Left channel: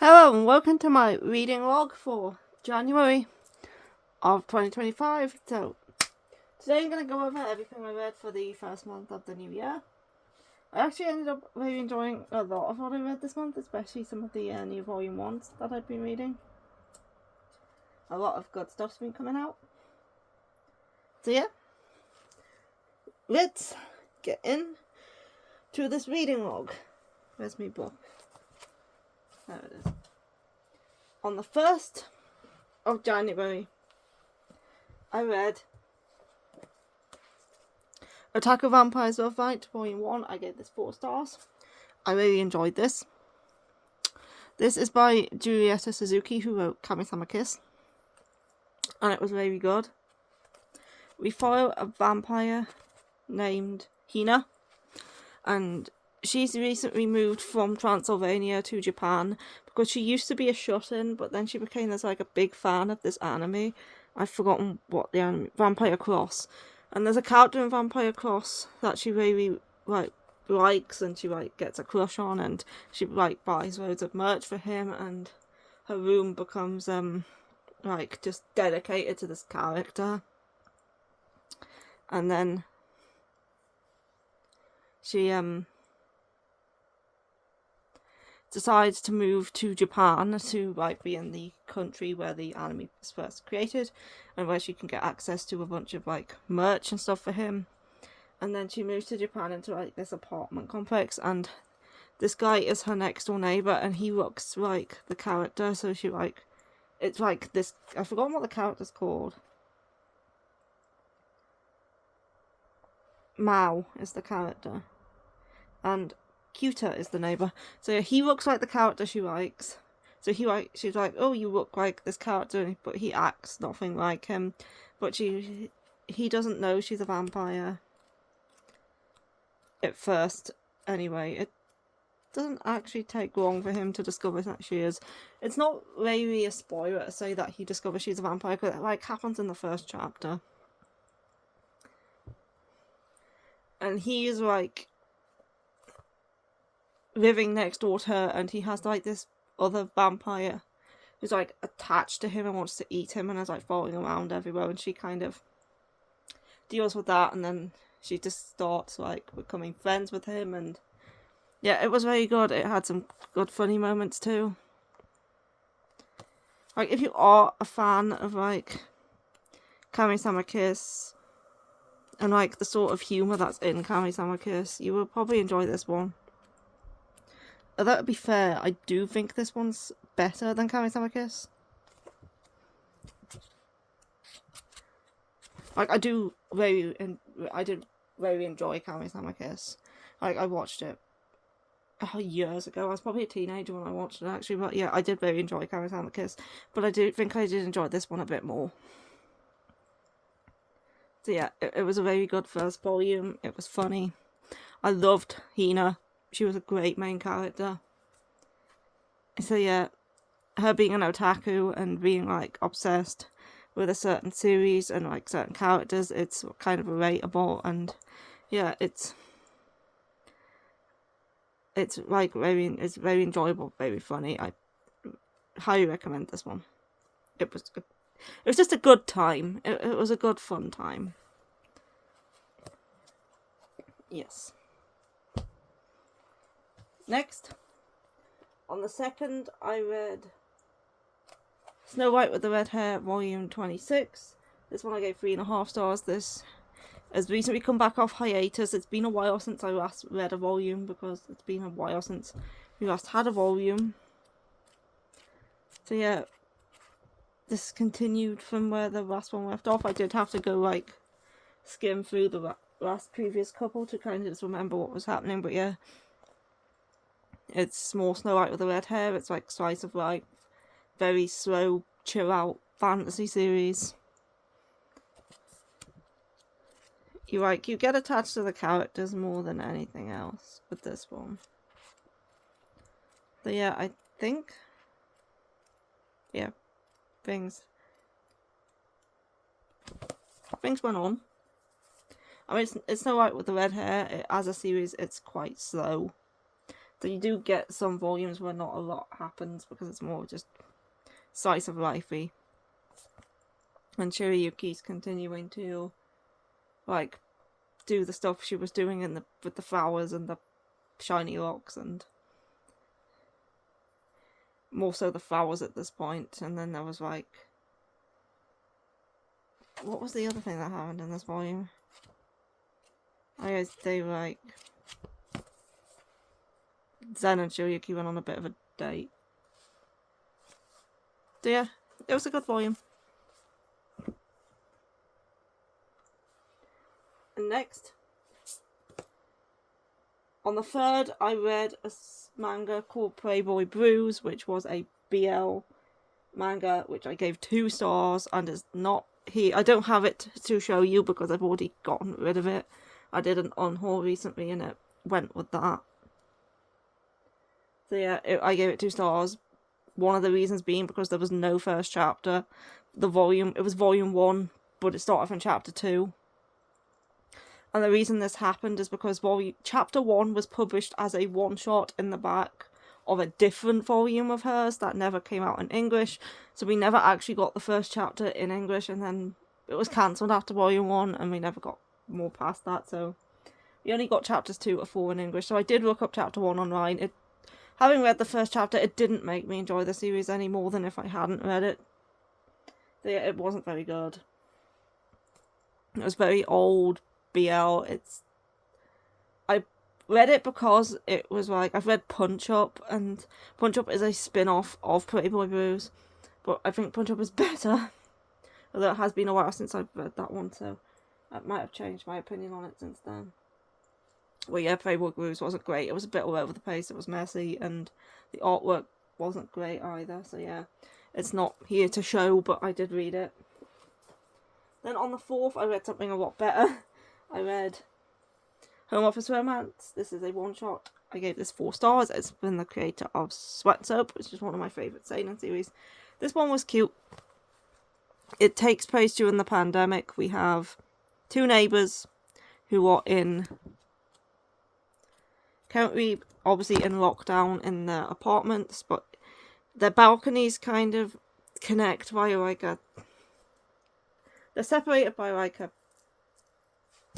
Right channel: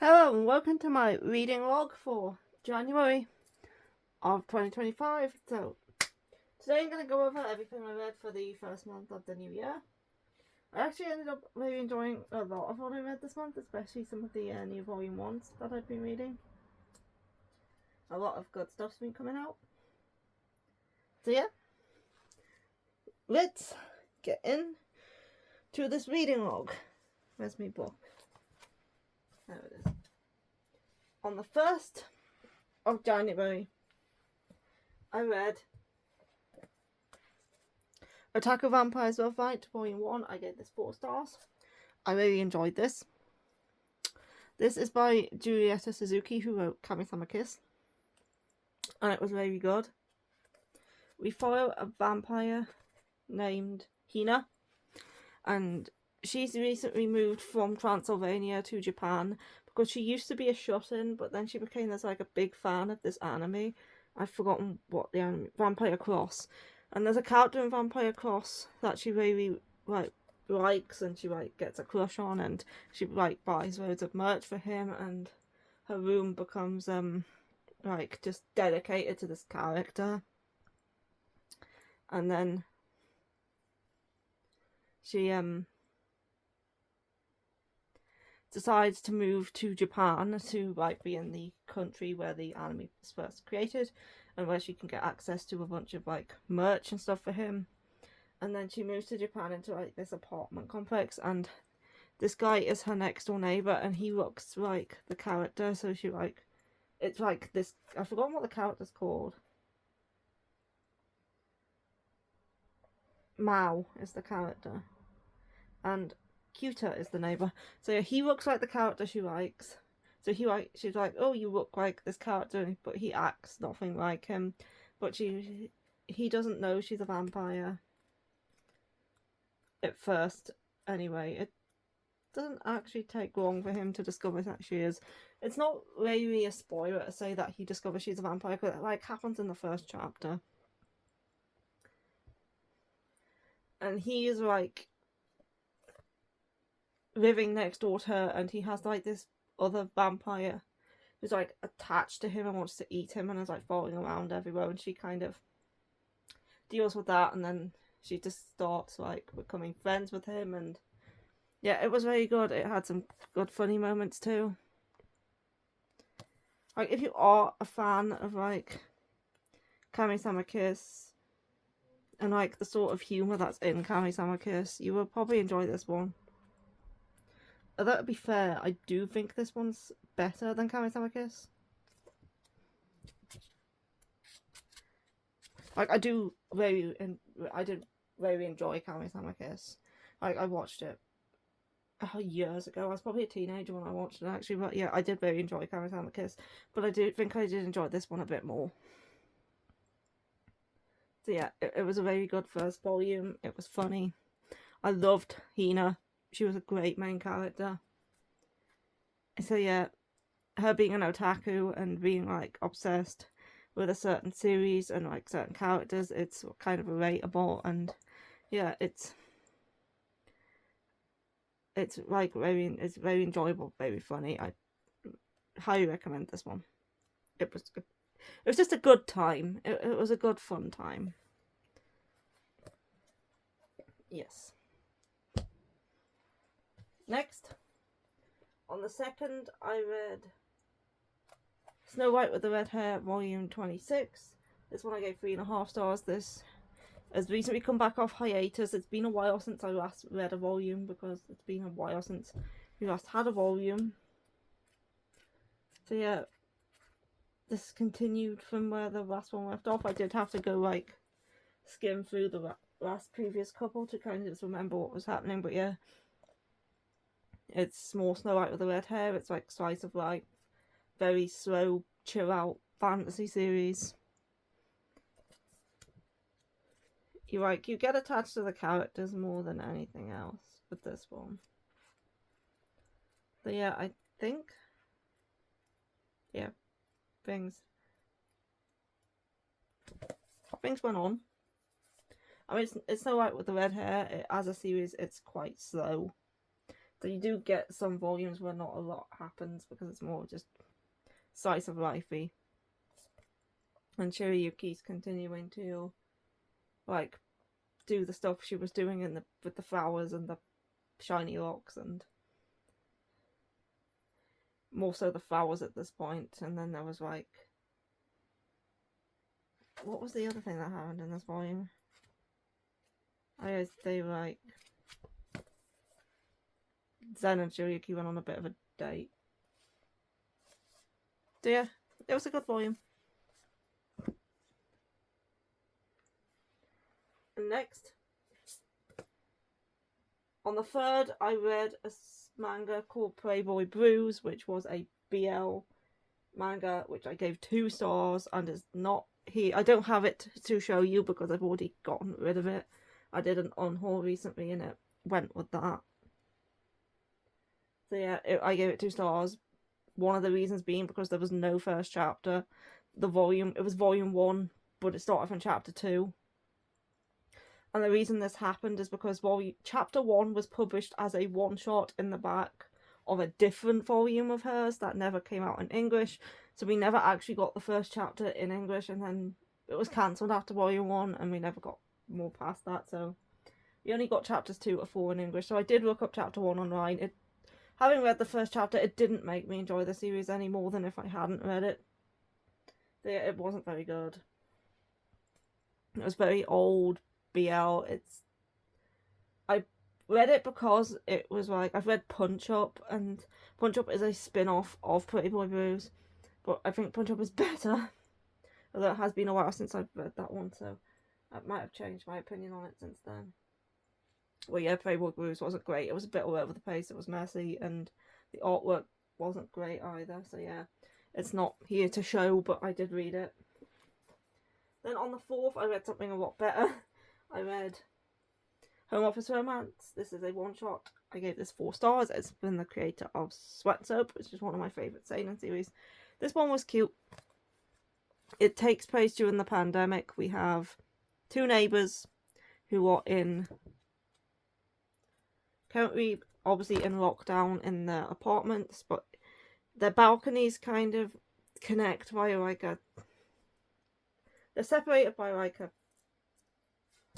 Hello and welcome to my reading log for January of 2025. So today I'm going to go over everything I read for the first month of the new year. I actually ended up really enjoying a lot of what I read this month, especially some of the new volume 1s that I've been reading. A lot of good stuff's been coming out. So yeah, let's get into this reading log. Where's my book? There it is. On the 1st of January, I read Attack of Vampires Love Fight Volume 1. I gave this 4 stars. I really enjoyed this. This is by Julieta Suzuki, who wrote Kami-sama Kiss, and it was very good. We follow a vampire named Hina, and she's recently moved from Transylvania to Japan because she used to be a shut-in, but then she became a big fan of this anime. I've forgotten what the anime, Vampire Cross. And there's a character in Vampire Cross that she really likes, and she gets a crush on, and she buys loads of merch for him, and her room becomes just dedicated to this character. And then she decides to move to Japan to be in the country where the anime was first created, and where she can get access to a bunch of merch and stuff for him. And then she moves to Japan into this apartment complex, and this guy is her next door neighbor, and he looks like the character. So she it's this, I've forgotten what the character's called. Mao is the character, and Cuter is the neighbor. So he looks like the character she likes. So she's like, oh, you look like this character, but he acts nothing like him. But he doesn't know she's a vampire at first. Anyway, it doesn't actually take long for him to discover that she is. It's not really a spoiler to say that he discovers she's a vampire, because it happens in the first chapter. And he is living next door to her, and he has this other vampire who's attached to him and wants to eat him, and is following around everywhere, and she kind of deals with that, and then she just starts becoming friends with him. And yeah, it was very good. It had some good funny moments too. If you are a fan of Kami-sama Kiss and the sort of humor that's in Kami-sama Kiss, you will probably enjoy this one. That would be fair, I do think this one's better than Kami-sama Kiss. I did very enjoy Kami-sama Kiss. I watched it years ago. I was probably a teenager when I watched it, actually, but yeah, I did very enjoy Kami-sama Kiss. But I do think I did enjoy this one a bit more. So yeah, it was a very good first volume. It was funny. I loved Hina. She was a great main character. So yeah, her being an otaku and being obsessed with a certain series and certain characters, it's kind of relatable, and yeah, it's very enjoyable, very funny. I highly recommend this one. It was just a good time. It was a good fun time. Yes. Next, on the 2nd, I read Snow White with the Red Hair, Volume 26. This one I gave 3.5 stars. This has recently come back off hiatus. It's been a while since I last read a volume, because it's been a while since we last had a volume. So yeah, this continued from where the last one left off. I did have to go skim through the last previous couple to kind of just remember what was happening, but yeah. It's more Snow White with the Red Hair. It's slice of life, very slow, chill out fantasy series. You get attached to the characters more than anything else with this one. But yeah, I think things went on. I mean, it's Snow White with the Red Hair. As a series, it's quite slow. So you do get some volumes where not a lot happens because it's more just slice of lifey. And Shirayuki's continuing to like do the stuff she was doing with the flowers and the shiny locks, and more so the flowers at this point. And then there was like, what was the other thing that happened in this volume? I guess they were like, Zen and Shirayuki went on a bit of a date. So yeah, it was a good volume. And next, on the 3rd, I read a manga called Playboy Blues, which was a BL manga, which I gave 2 stars, and is not here. I don't have it to show you because I've already gotten rid of it. I did an on-haul recently and it went with that. So yeah, I gave it 2 stars. One of the reasons being because there was no first chapter. It was volume 1, but it started from chapter 2. And the reason this happened is because chapter 1 was published as a one-shot in the back of a different volume of hers that never came out in English. So we never actually got the first chapter in English, and then it was cancelled after volume 1, and we never got more past that. So we only got chapters 2 to 4 in English. So I did look up chapter 1 online. Having read the first chapter, it didn't make me enjoy the series any more than if I hadn't read it. It wasn't very good. It was very old BL. I read it because it was like, I've read Punch Up, and Punch Up is a spin-off of Playboy Blues, but I think Punch Up is better. Although it has been a while since I've read that one, so I might have changed my opinion on it since then. Well, yeah, Playboy Blues wasn't great. It was a bit all over the place. It was messy, and the artwork wasn't great either. So yeah, it's not here to show, but I did read it. Then on the 4th, I read something a lot better. I read Home Office Romance. This is a one-shot. I gave this 4 stars. It's been the creator of Sweat Soap, which is one of my favourite seinen series. This one was cute. It takes place during the pandemic. We have 2 neighbours who are currently obviously in lockdown in their apartments, but their balconies kind of connect via like they're separated by like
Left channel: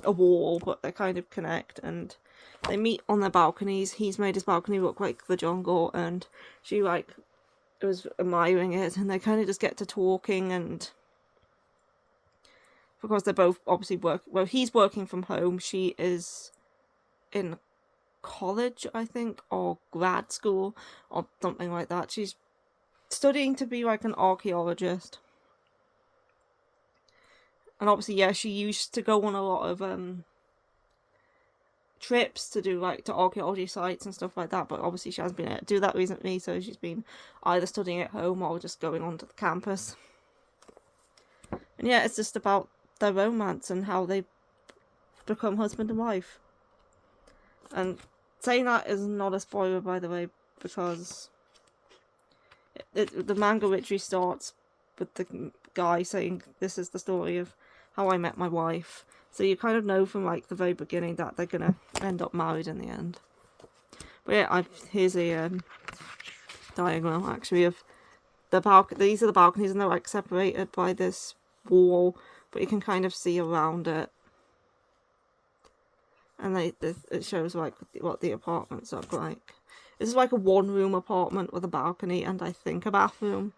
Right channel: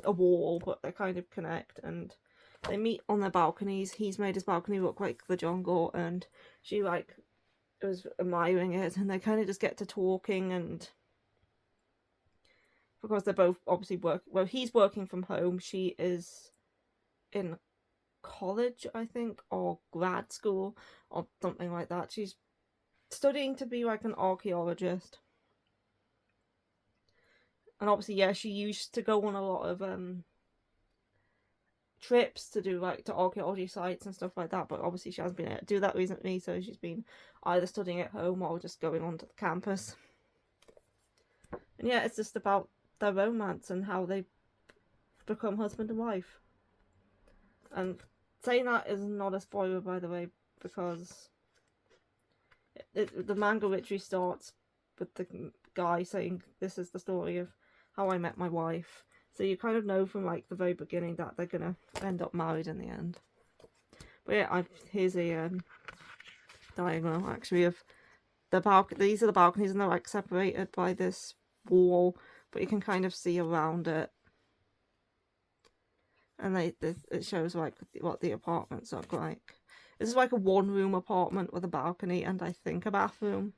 a wall, but they kind of connect, and they meet on their balconies. He's made his balcony look like the jungle, and she like was admiring it, and they kind of just get to talking, and because they're both obviously he's working from home, she is in college, I think, or grad school or something like that. She's studying to be like an archaeologist, and obviously, yeah, she used to go on a lot of trips to do like to archaeology sites and stuff like that, but obviously she hasn't been able to do that recently, so she's been either studying at home or just going onto the campus. And yeah, it's just about their romance and how they become husband and wife. And saying that is not a spoiler, by the way, because the manga literally starts with the guy saying, "This is the story of how I met my wife." So you kind of know from like the very beginning that they're gonna end up married in the end. But yeah, here's a diagram actually of the balcony. These are the balconies, and they're like separated by this wall, but you can kind of see around it. And it shows like what the apartments look like. This is like a 1-room apartment with a balcony and I think a bathroom.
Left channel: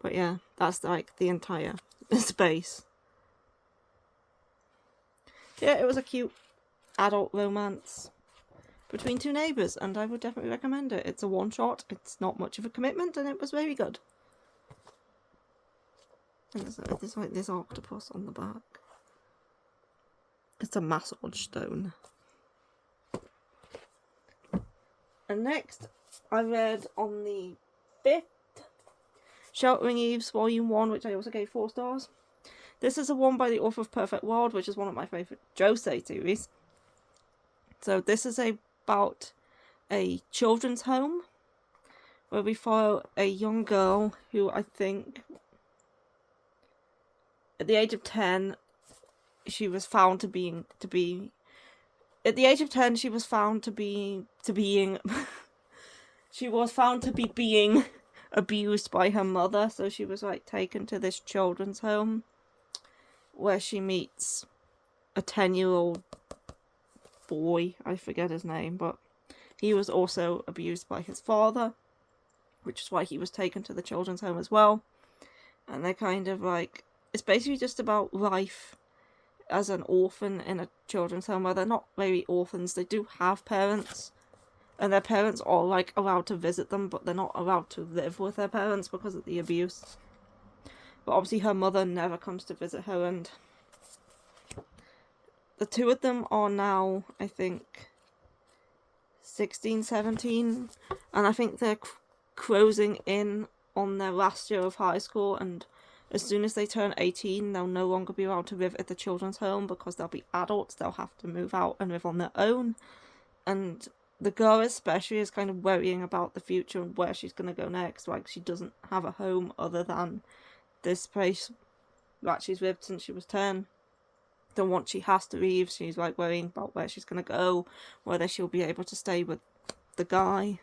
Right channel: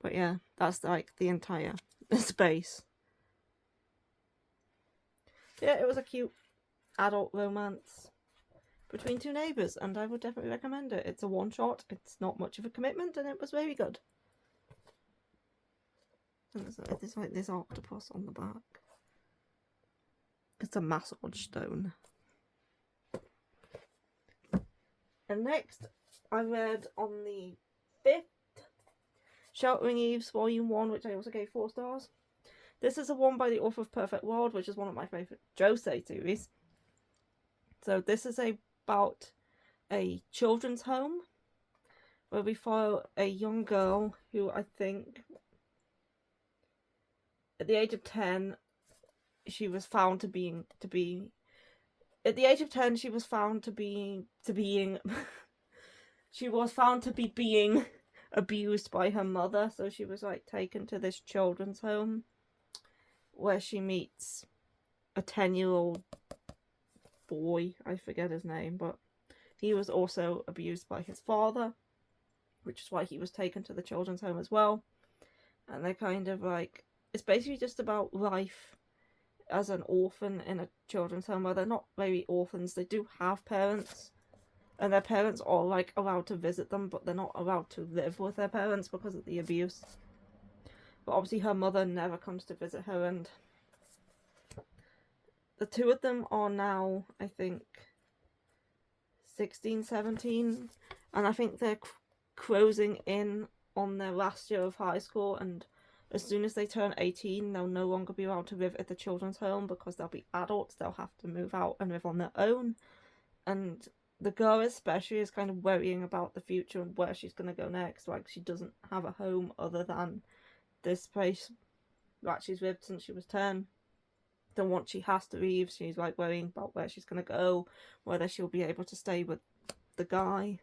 But yeah, that's like the entire space. Yeah, it was a cute adult romance between 2 neighbours, and I would definitely recommend it. It's a one-shot, it's not much of a commitment, and it was very good. And there's like this octopus on the back. It's a massage stone. And next, I read on the 5th, Sheltering Eves Volume 1, which I also gave 4 stars. This is a one by the author of Perfect World, which is one of my favourite Josei series. So this is about a children's home where we follow a young girl who I think at the age of 10 she was found to be at the age of 10, she was found to be being abused by her mother, so she was like taken to this children's home where she meets a 10-year-old boy. I forget his name, but he was also abused by his father, which is why he was taken to the children's home as well. And they're kind of like, it's basically just about life as an orphan in a children's home, where they're not really orphans. They do have parents, and their parents are like allowed to visit them, but they're not allowed to live with their parents because of the abuse. But obviously her mother never comes to visit her, and the two of them are now, I think, 16, 17, and I think they're closing in on their last year of high school, and as soon as they turn 18, they'll no longer be allowed to live at the children's home because they'll be adults. They'll have to move out and live on their own. And the girl especially is kind of worrying about the future and where she's going to go next. Like, she doesn't have a home other than this place that she's lived since she was 10. Then once she has to leave, she's like worrying about where she's going to go, whether she'll be able to stay with the guy,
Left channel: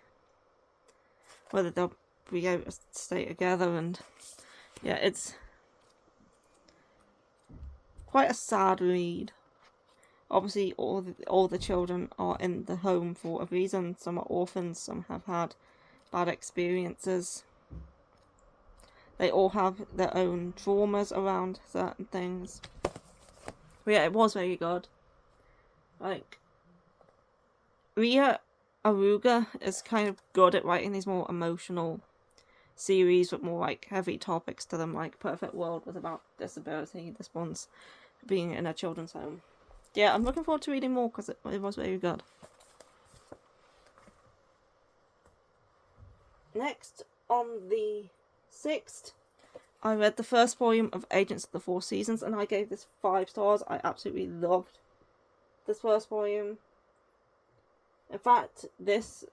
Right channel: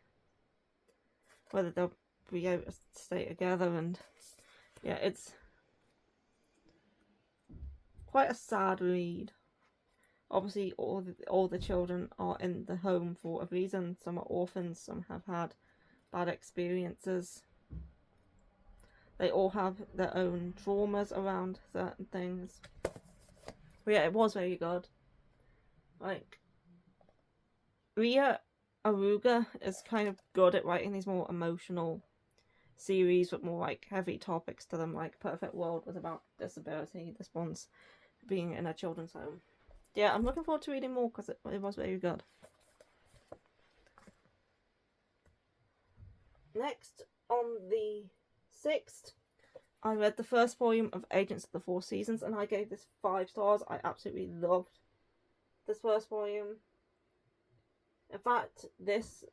whether they'll be able to stay together. And yeah, it's quite a sad read. Obviously, all the children are in the home for a reason. Some are orphans, some have had bad experiences. They all have their own traumas around certain things. But yeah, it was very good. Like, Ria Aruga is kind of good at writing these more emotional series with more like heavy topics to them. Like Perfect World was about disability. This one's being in a children's home. Yeah, I'm looking forward to reading more because it was very good. Next, on the 6th, I read the first volume of Agents of the Four Seasons, and I gave this 5 stars. I absolutely loved this first volume. In fact, this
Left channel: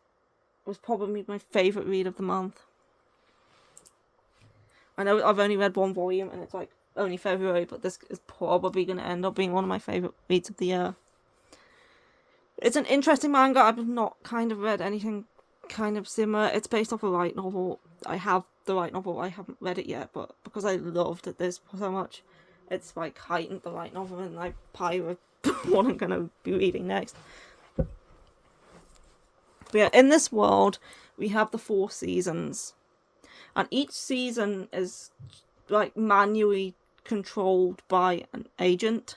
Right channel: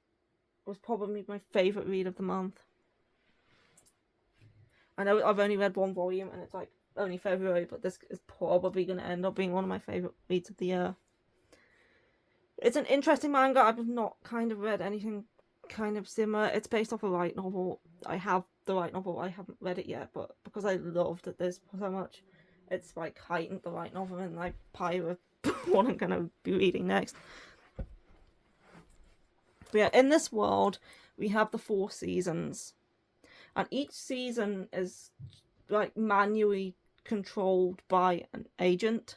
was probably my favourite read of the month. I know I've only read one volume, and it's like only February, but this is probably going to end up being one of my favourite reads of the year. It's an interesting manga. I've not kind of read anything kind of similar. It's based off a light novel. I have the light novel. I haven't read it yet, but because I loved this so much, it's like heightened the light novel, and I pirate what I'm going to be reading next. But yeah, in this world, we have the 4 seasons, and each season is like manually controlled by an agent.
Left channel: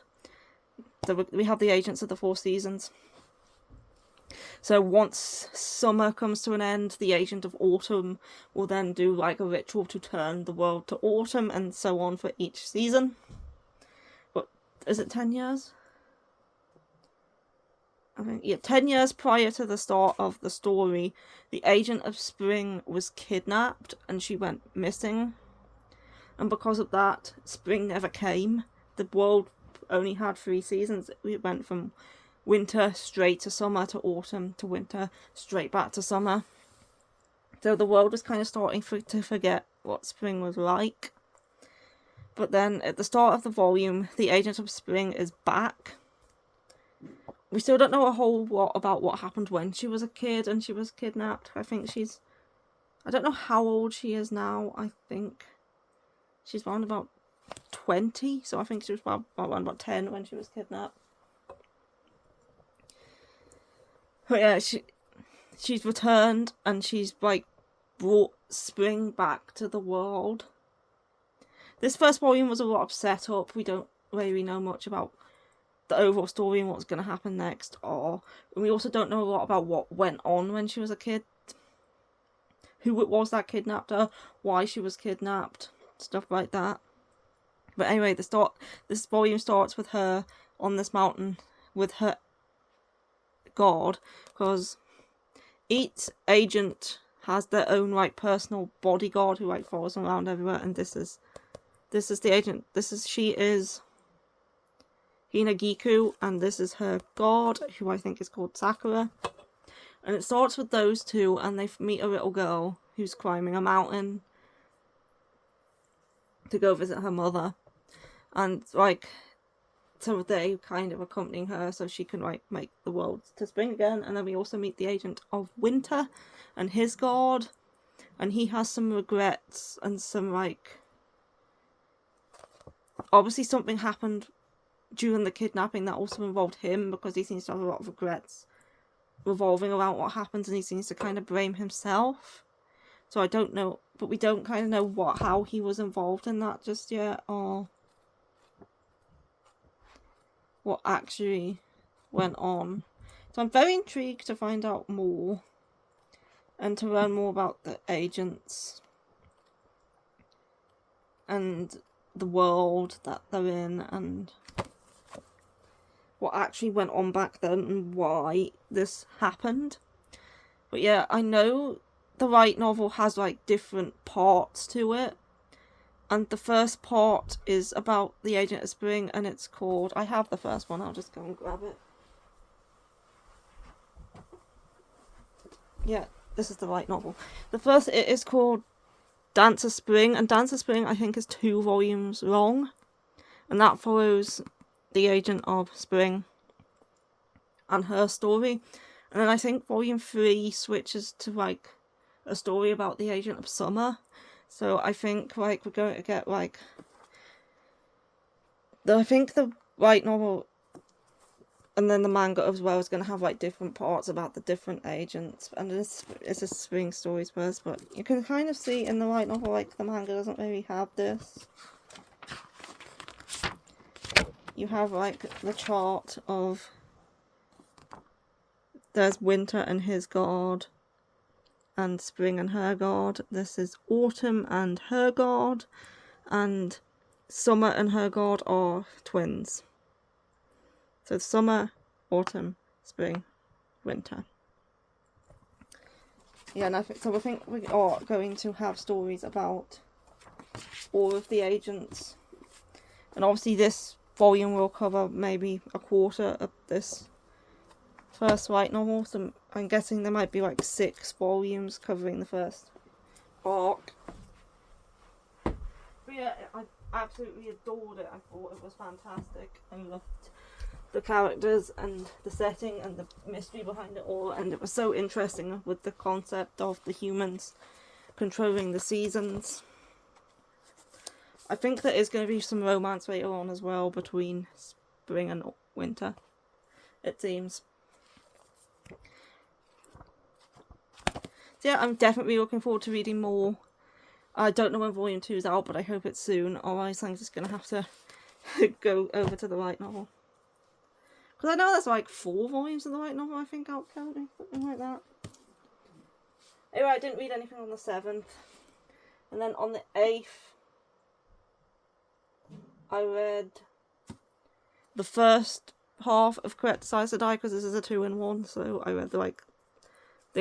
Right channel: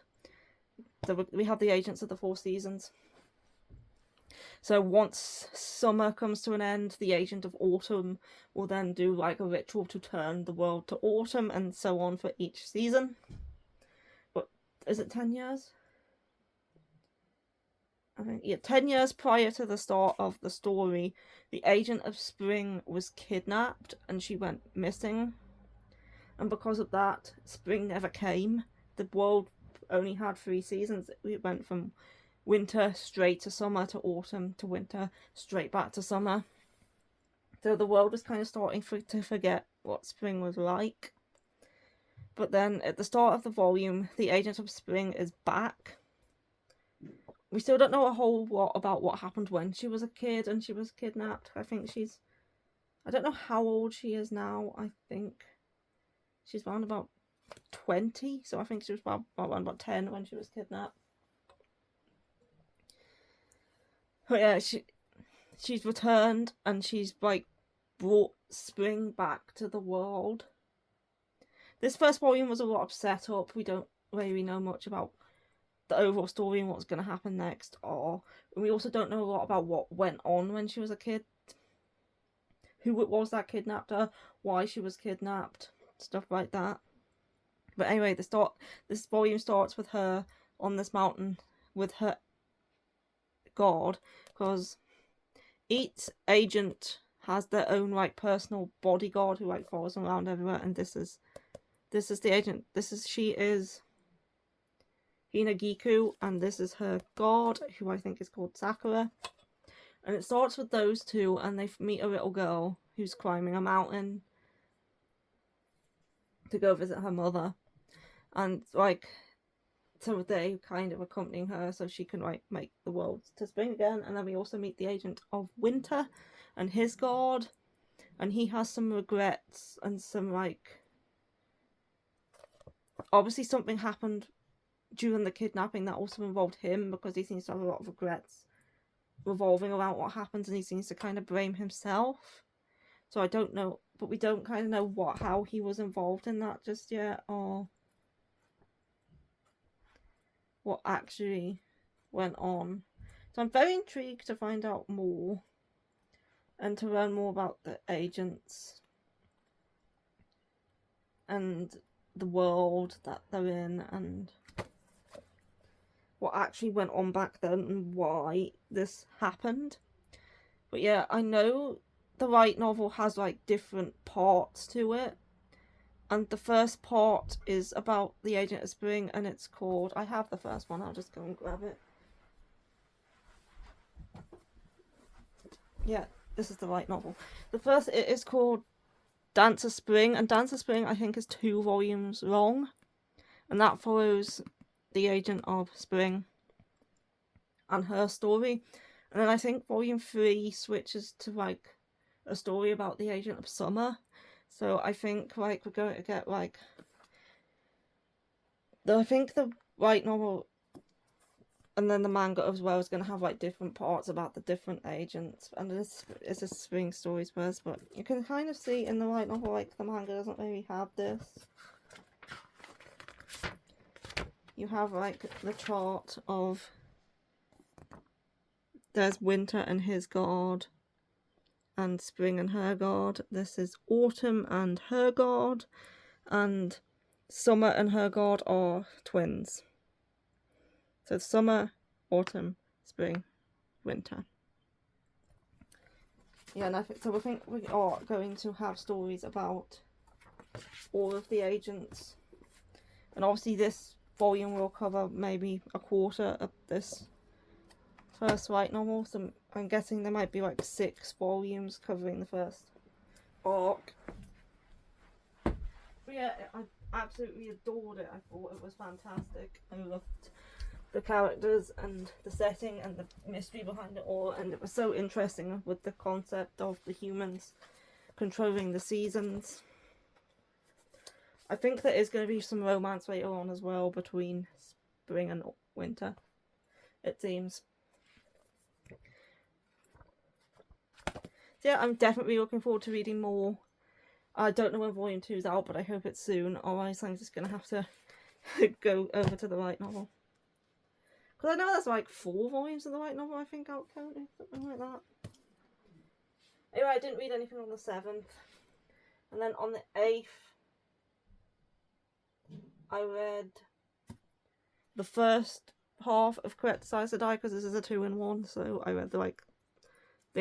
So we have the agents of the 4 seasons. So once summer comes to an end, the agent of autumn will then do like a ritual to turn the world to autumn, and so on for each season. But is it 10 years? I think, yeah, 10 years prior to the start of the story, the agent of spring was kidnapped and she went missing. And because of that, spring never came. The world only had 3 seasons. It went from winter straight to summer, to autumn, to winter, straight back to summer. So the world was kind of starting to forget what spring was like. But then at the start of the volume, the agent of spring is back. We still don't know a whole lot about what happened when she was a kid and she was kidnapped. I don't know how old she is now. I think she's around about 20, so I think she was around about 10 when she was kidnapped. But yeah, she's returned, and she's like brought spring back to the world. This first volume was a lot of setup. We don't really know much about the overall story and what's going to happen next, and we also don't know a lot about what went on when she was a kid. Who it was that kidnapped her, why she was kidnapped, stuff like that. But anyway, this volume starts with her on this mountain with her god, because each agent has their own like personal bodyguard who like follows them around everywhere, and this is the agent. She is Hinagiku, and this is her god, who I think is called Sakura. And it starts with those two, and they meet a little girl who's climbing a mountain to go visit her mother. And like, so they kind of accompanying her so she can like make the world to spring again. And then we also meet the agent of winter and his god, and he has some regrets and some like, obviously something happened during the kidnapping that also involved him, because he seems to have a lot of regrets revolving around what happens, and he seems to kind of blame himself. So I don't know, but we don't kind of know how he was involved in that just yet, or what actually went on. So I'm very intrigued to find out more and to learn more about the agents and the world that they're in and what actually went on back then and why this happened. But yeah, I know the light novel has like different parts to it, and the first part is about the Agent of Spring, and it's called, I have the first one, I'll just go and grab it. Yeah, this is the light novel. The first, it is called Dance of Spring, and Dance of Spring I think is 2 volumes long, and that follows the Agent of Spring and her story. And then I think volume 3 switches to like a story about the Agent of Summer. So I think like we're going to get like I think the light novel and then the manga as well is going to have like different parts about the different agents, and it's a spring stories first, but you can kind of see in the light novel like the manga doesn't really have this. You have like the chart of there's winter and his god, and spring and her god. This is autumn and her god, and summer and her god are twins. So summer, autumn, spring, winter. Yeah, and I think we are going to have stories about all of the agents, and obviously this volume will cover maybe a quarter of this first light novel, so I'm guessing there might be like 6 volumes covering the first arc. But yeah, I absolutely adored it. I thought it was fantastic. I loved the characters and the setting and the mystery behind it all, and it was so interesting with the concept of the humans controlling the seasons. I think there is going to be some romance later on as well between spring and winter, it seems. So yeah, I'm definitely looking forward to reading more. I don't know when volume 2 is out, but I hope it's soon, otherwise I'm just going to have to go over to the light novel. Because I know there's like 4 volumes of the light novel, I think, out currently, something like that. Anyway, I didn't read anything on the 7th. And then on the 8th, I read the first half of Correct Size to Die, because this is a 2-in-1, so I read the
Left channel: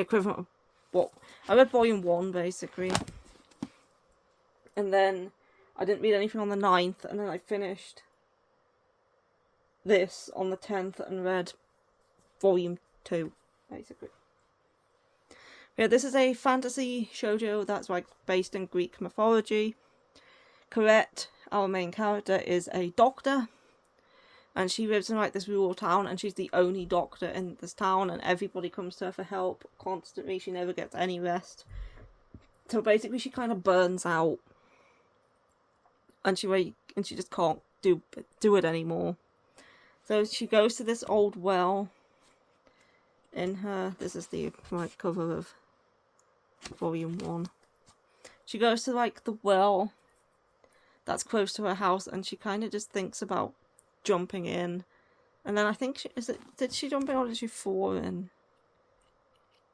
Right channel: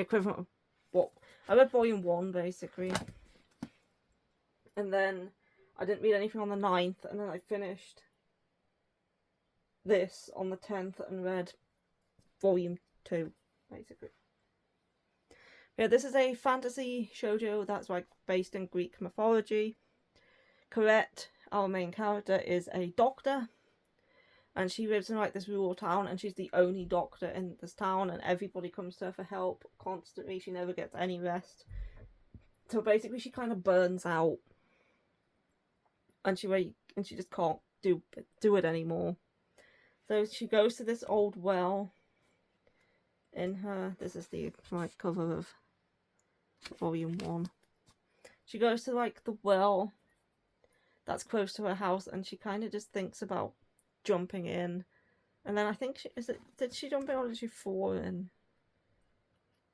equivalent of what I read volume 1 basically. And then I didn't read anything on the 9th, and then I finished this on the 10th and read volume 2 basically. Yeah, this is a fantasy shoujo that's like based in Greek mythology. Corette, our main character, is a doctor, and she lives in like this rural town, and she's the only doctor in this town, and everybody comes to her for help constantly. She never gets any rest. So basically she kind of burns out, and she just can't do it anymore. So she goes to this old well in her, this is the like cover of volume 1. She goes to like the well that's close to her house, and she kind of just thinks about jumping in. And then I think did she jump in or did she fall in?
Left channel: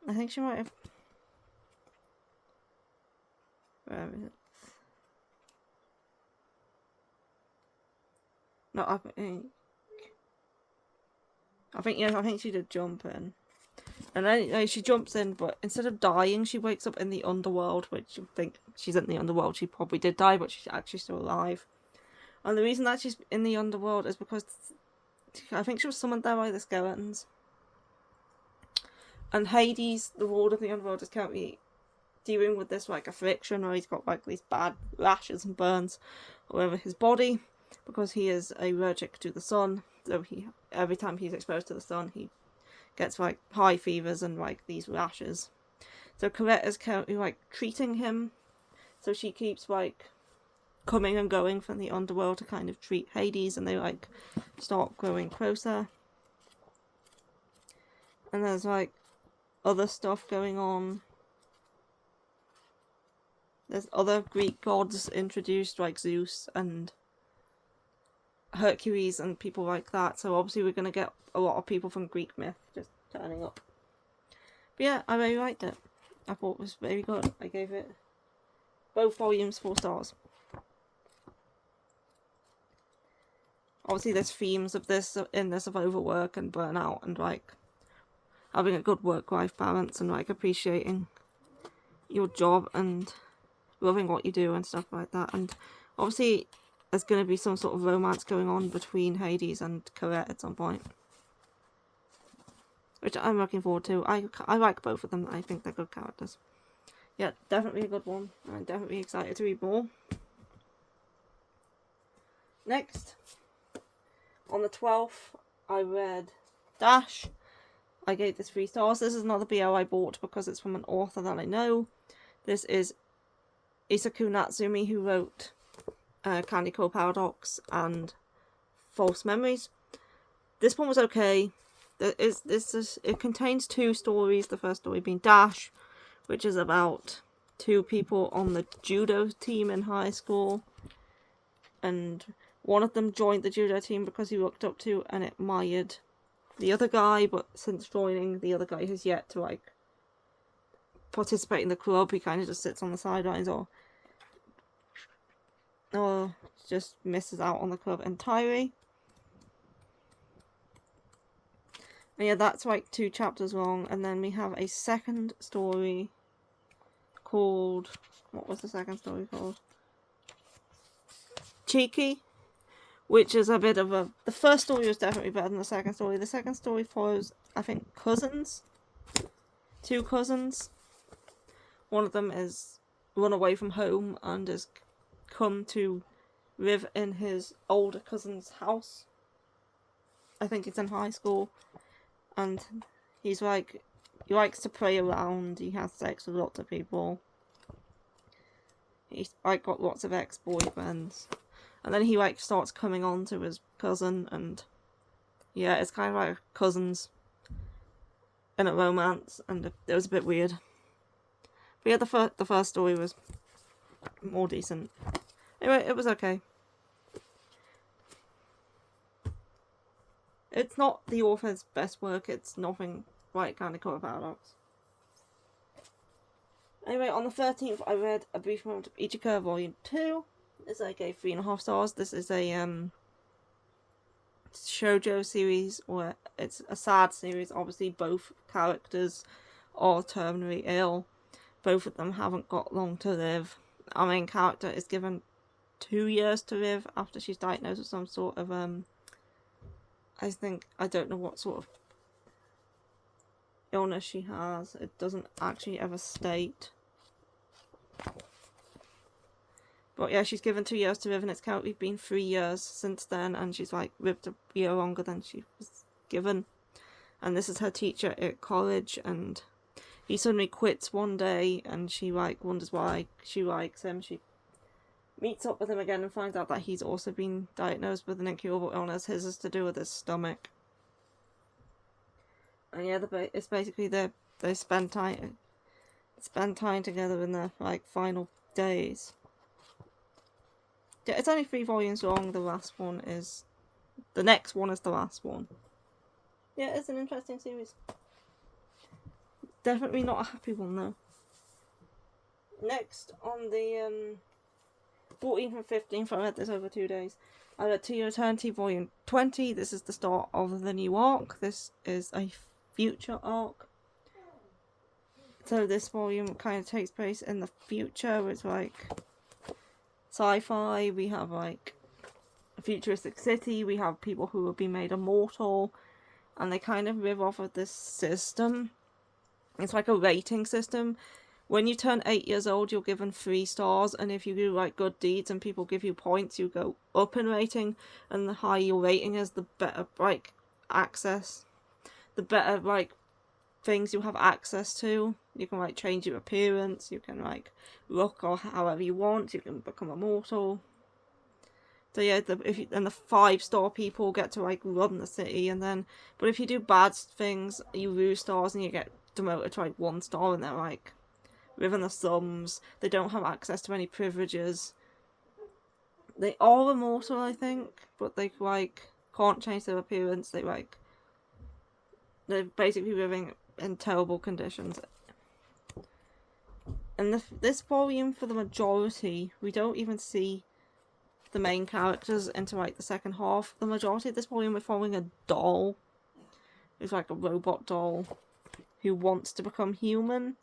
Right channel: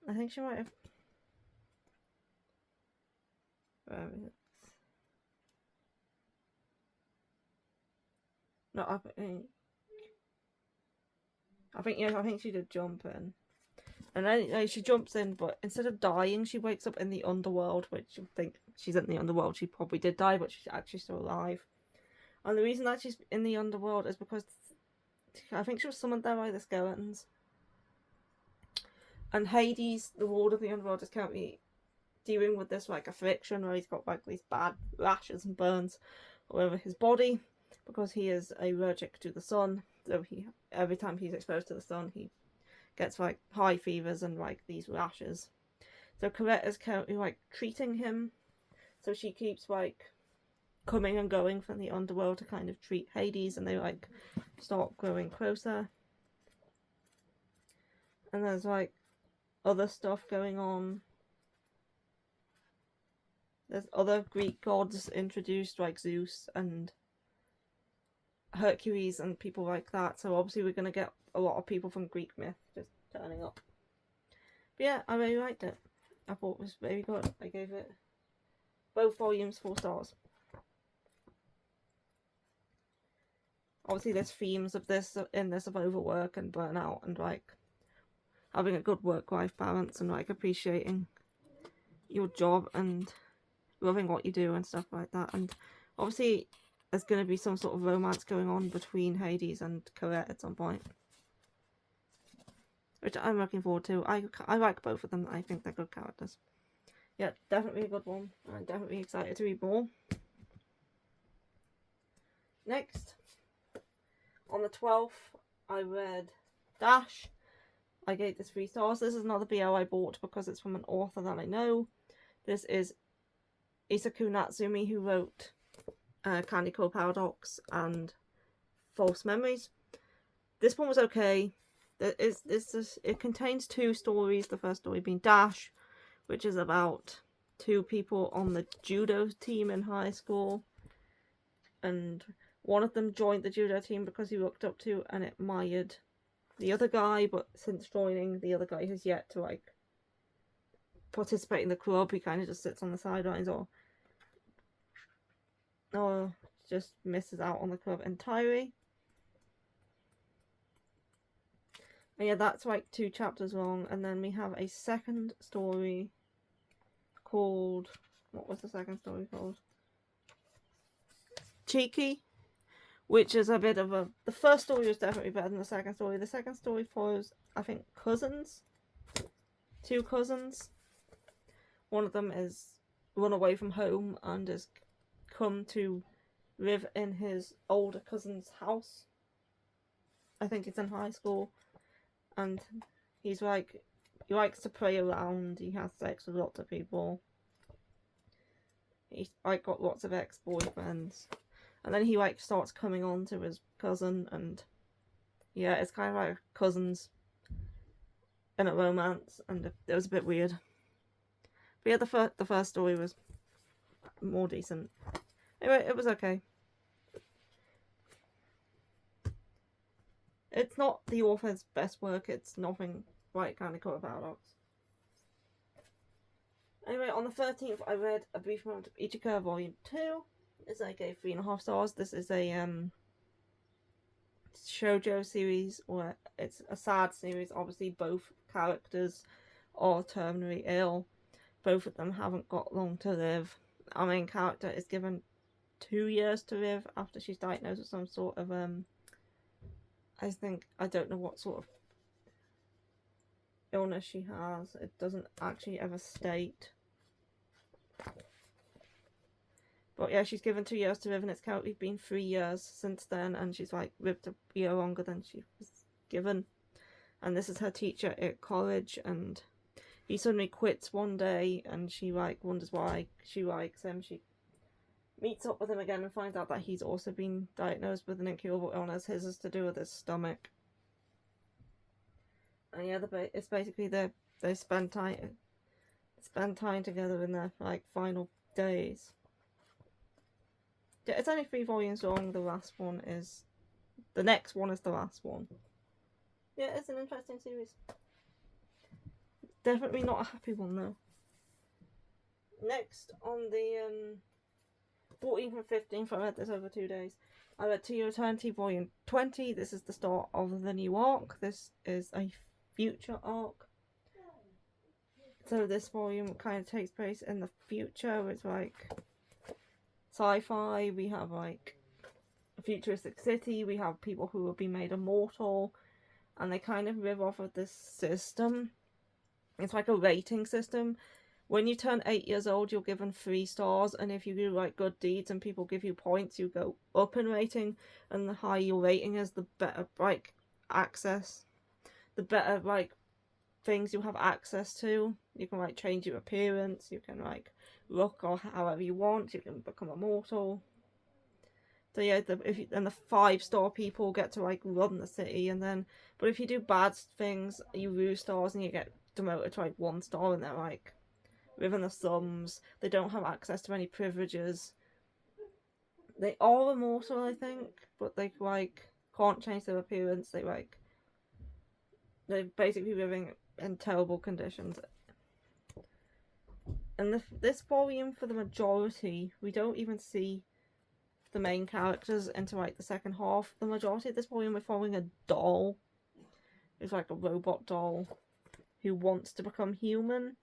I think she might have. Where is it? No, I think she did jump in. And then she jumps in, but instead of dying, she wakes up in the underworld, which I think she's in the underworld. She probably did die, but she's actually still alive. And the reason that she's in the underworld is because I think she was summoned there by the skeletons. And Hades, the lord of the underworld, is currently dealing with this like affliction where he's got like these bad rashes and burns all over his body. because he is allergic to the sun. So every time he's exposed to the sun, he gets like high fevers and like these rashes. So Colette is currently like treating him. So she keeps like coming and going from the underworld to kind of treat Hades, and they like start growing closer. And there's like other stuff going on. There's other Greek gods introduced, like Zeus and Hercules and people like that. So obviously we're going to get a lot of people from Greek myth just turning up. But yeah, I really liked it. I thought it was very good. I gave it both volumes 4 stars. Obviously there's themes of this in this of overwork and burnout and like having a good work-life balance and like appreciating your job and loving what you do and stuff like that. And obviously there's going to be some sort of romance going on between Hades and Colette at some point, which I'm looking forward to. I like both of them. I think they're good characters. Yeah, definitely a good one. I'm definitely excited to read more. Next, on the 12th, I read Dash. I gave this 3 stars. This is another BL I bought because it's from an author that I know. This is Isaku Natsumi, who wrote Candy Crush Paradox and False Memories. This one was okay. It contains 2 stories. The first story being Dash, which is about 2 people on the judo team in high school. And one of them joined the judo team because he looked up to and admired the other guy, but since joining, the other guy has yet to like participate in the club. He kind of just sits on the sidelines or just misses out on the club entirely. And yeah, that's like 2 chapters long. And then we have a second story called, what was the second story called? Cheeky, which is a bit of a, the first story was definitely better than the second story. The second story follows, I think, cousins. 2 cousins. One of them is run away from home and has come to live in his older cousin's house. I think it's in high school. And he's like, he likes to play around, he has sex with lots of people. He's like got lots of ex-boyfriends. And then he like starts coming on to his cousin, and yeah, it's kind of like cousins in a romance, and it was a bit weird. But yeah, the first story was more decent. Anyway, it was okay. It's not the author's best work, it's nothing like Candy Crush Paradox. Anyway, on the 13th, I read A Brief Moment of Ichika, Volume 2. This I gave 3.5 stars. This is a shoujo series, or it's a sad series. Obviously, both characters are terminally ill. Both of them haven't got long to live. Our main character is given 2 years to live after she's diagnosed with some sort of I don't know what sort of illness she has. It doesn't actually ever state. But yeah, she's given 2 years to live, and it's currently been 3 years since then, and she's like lived a year longer than she was given. And this is her teacher at college, and he suddenly quits one day, and she like wonders why. She likes him. She meets up with him again and finds out that he's also been diagnosed with an incurable illness. His is to do with his stomach. And yeah, it's basically they spend time together in their like final days. Yeah, it's only 3 volumes long. The next one is the last one. Yeah, it's an interesting series. Definitely not a happy one though. Next, on the 14th and 15th, I read this over 2 days. I read To Your Eternity Volume 20. This is the start of the new arc. This is a future arc. So this volume kind of takes place in the future. It's like sci-fi. We have like a futuristic city. We have people who will be made immortal, and they kind of live off of this system. It's like a rating system when you turn 8 years old, you're given 3 stars, and if you do like good deeds and people give you points, you go up in rating, and the higher your rating is, the better like access, the better like things you have access to. You can like change your appearance, you can like look or however you want, you can become immortal. So yeah, and the 5-star people get to like run the city, and then but if you do bad things, you lose stars and you get demoted to like 1 star, and they're like within the slums. They don't have access to any privileges. They are immortal, I think, but they like can't change their appearance. They're basically living in terrible conditions. And this volume, for the majority, we don't even see the main characters into like the second half. The majority of this volume, we're following a doll. It's like a robot doll who wants to become human,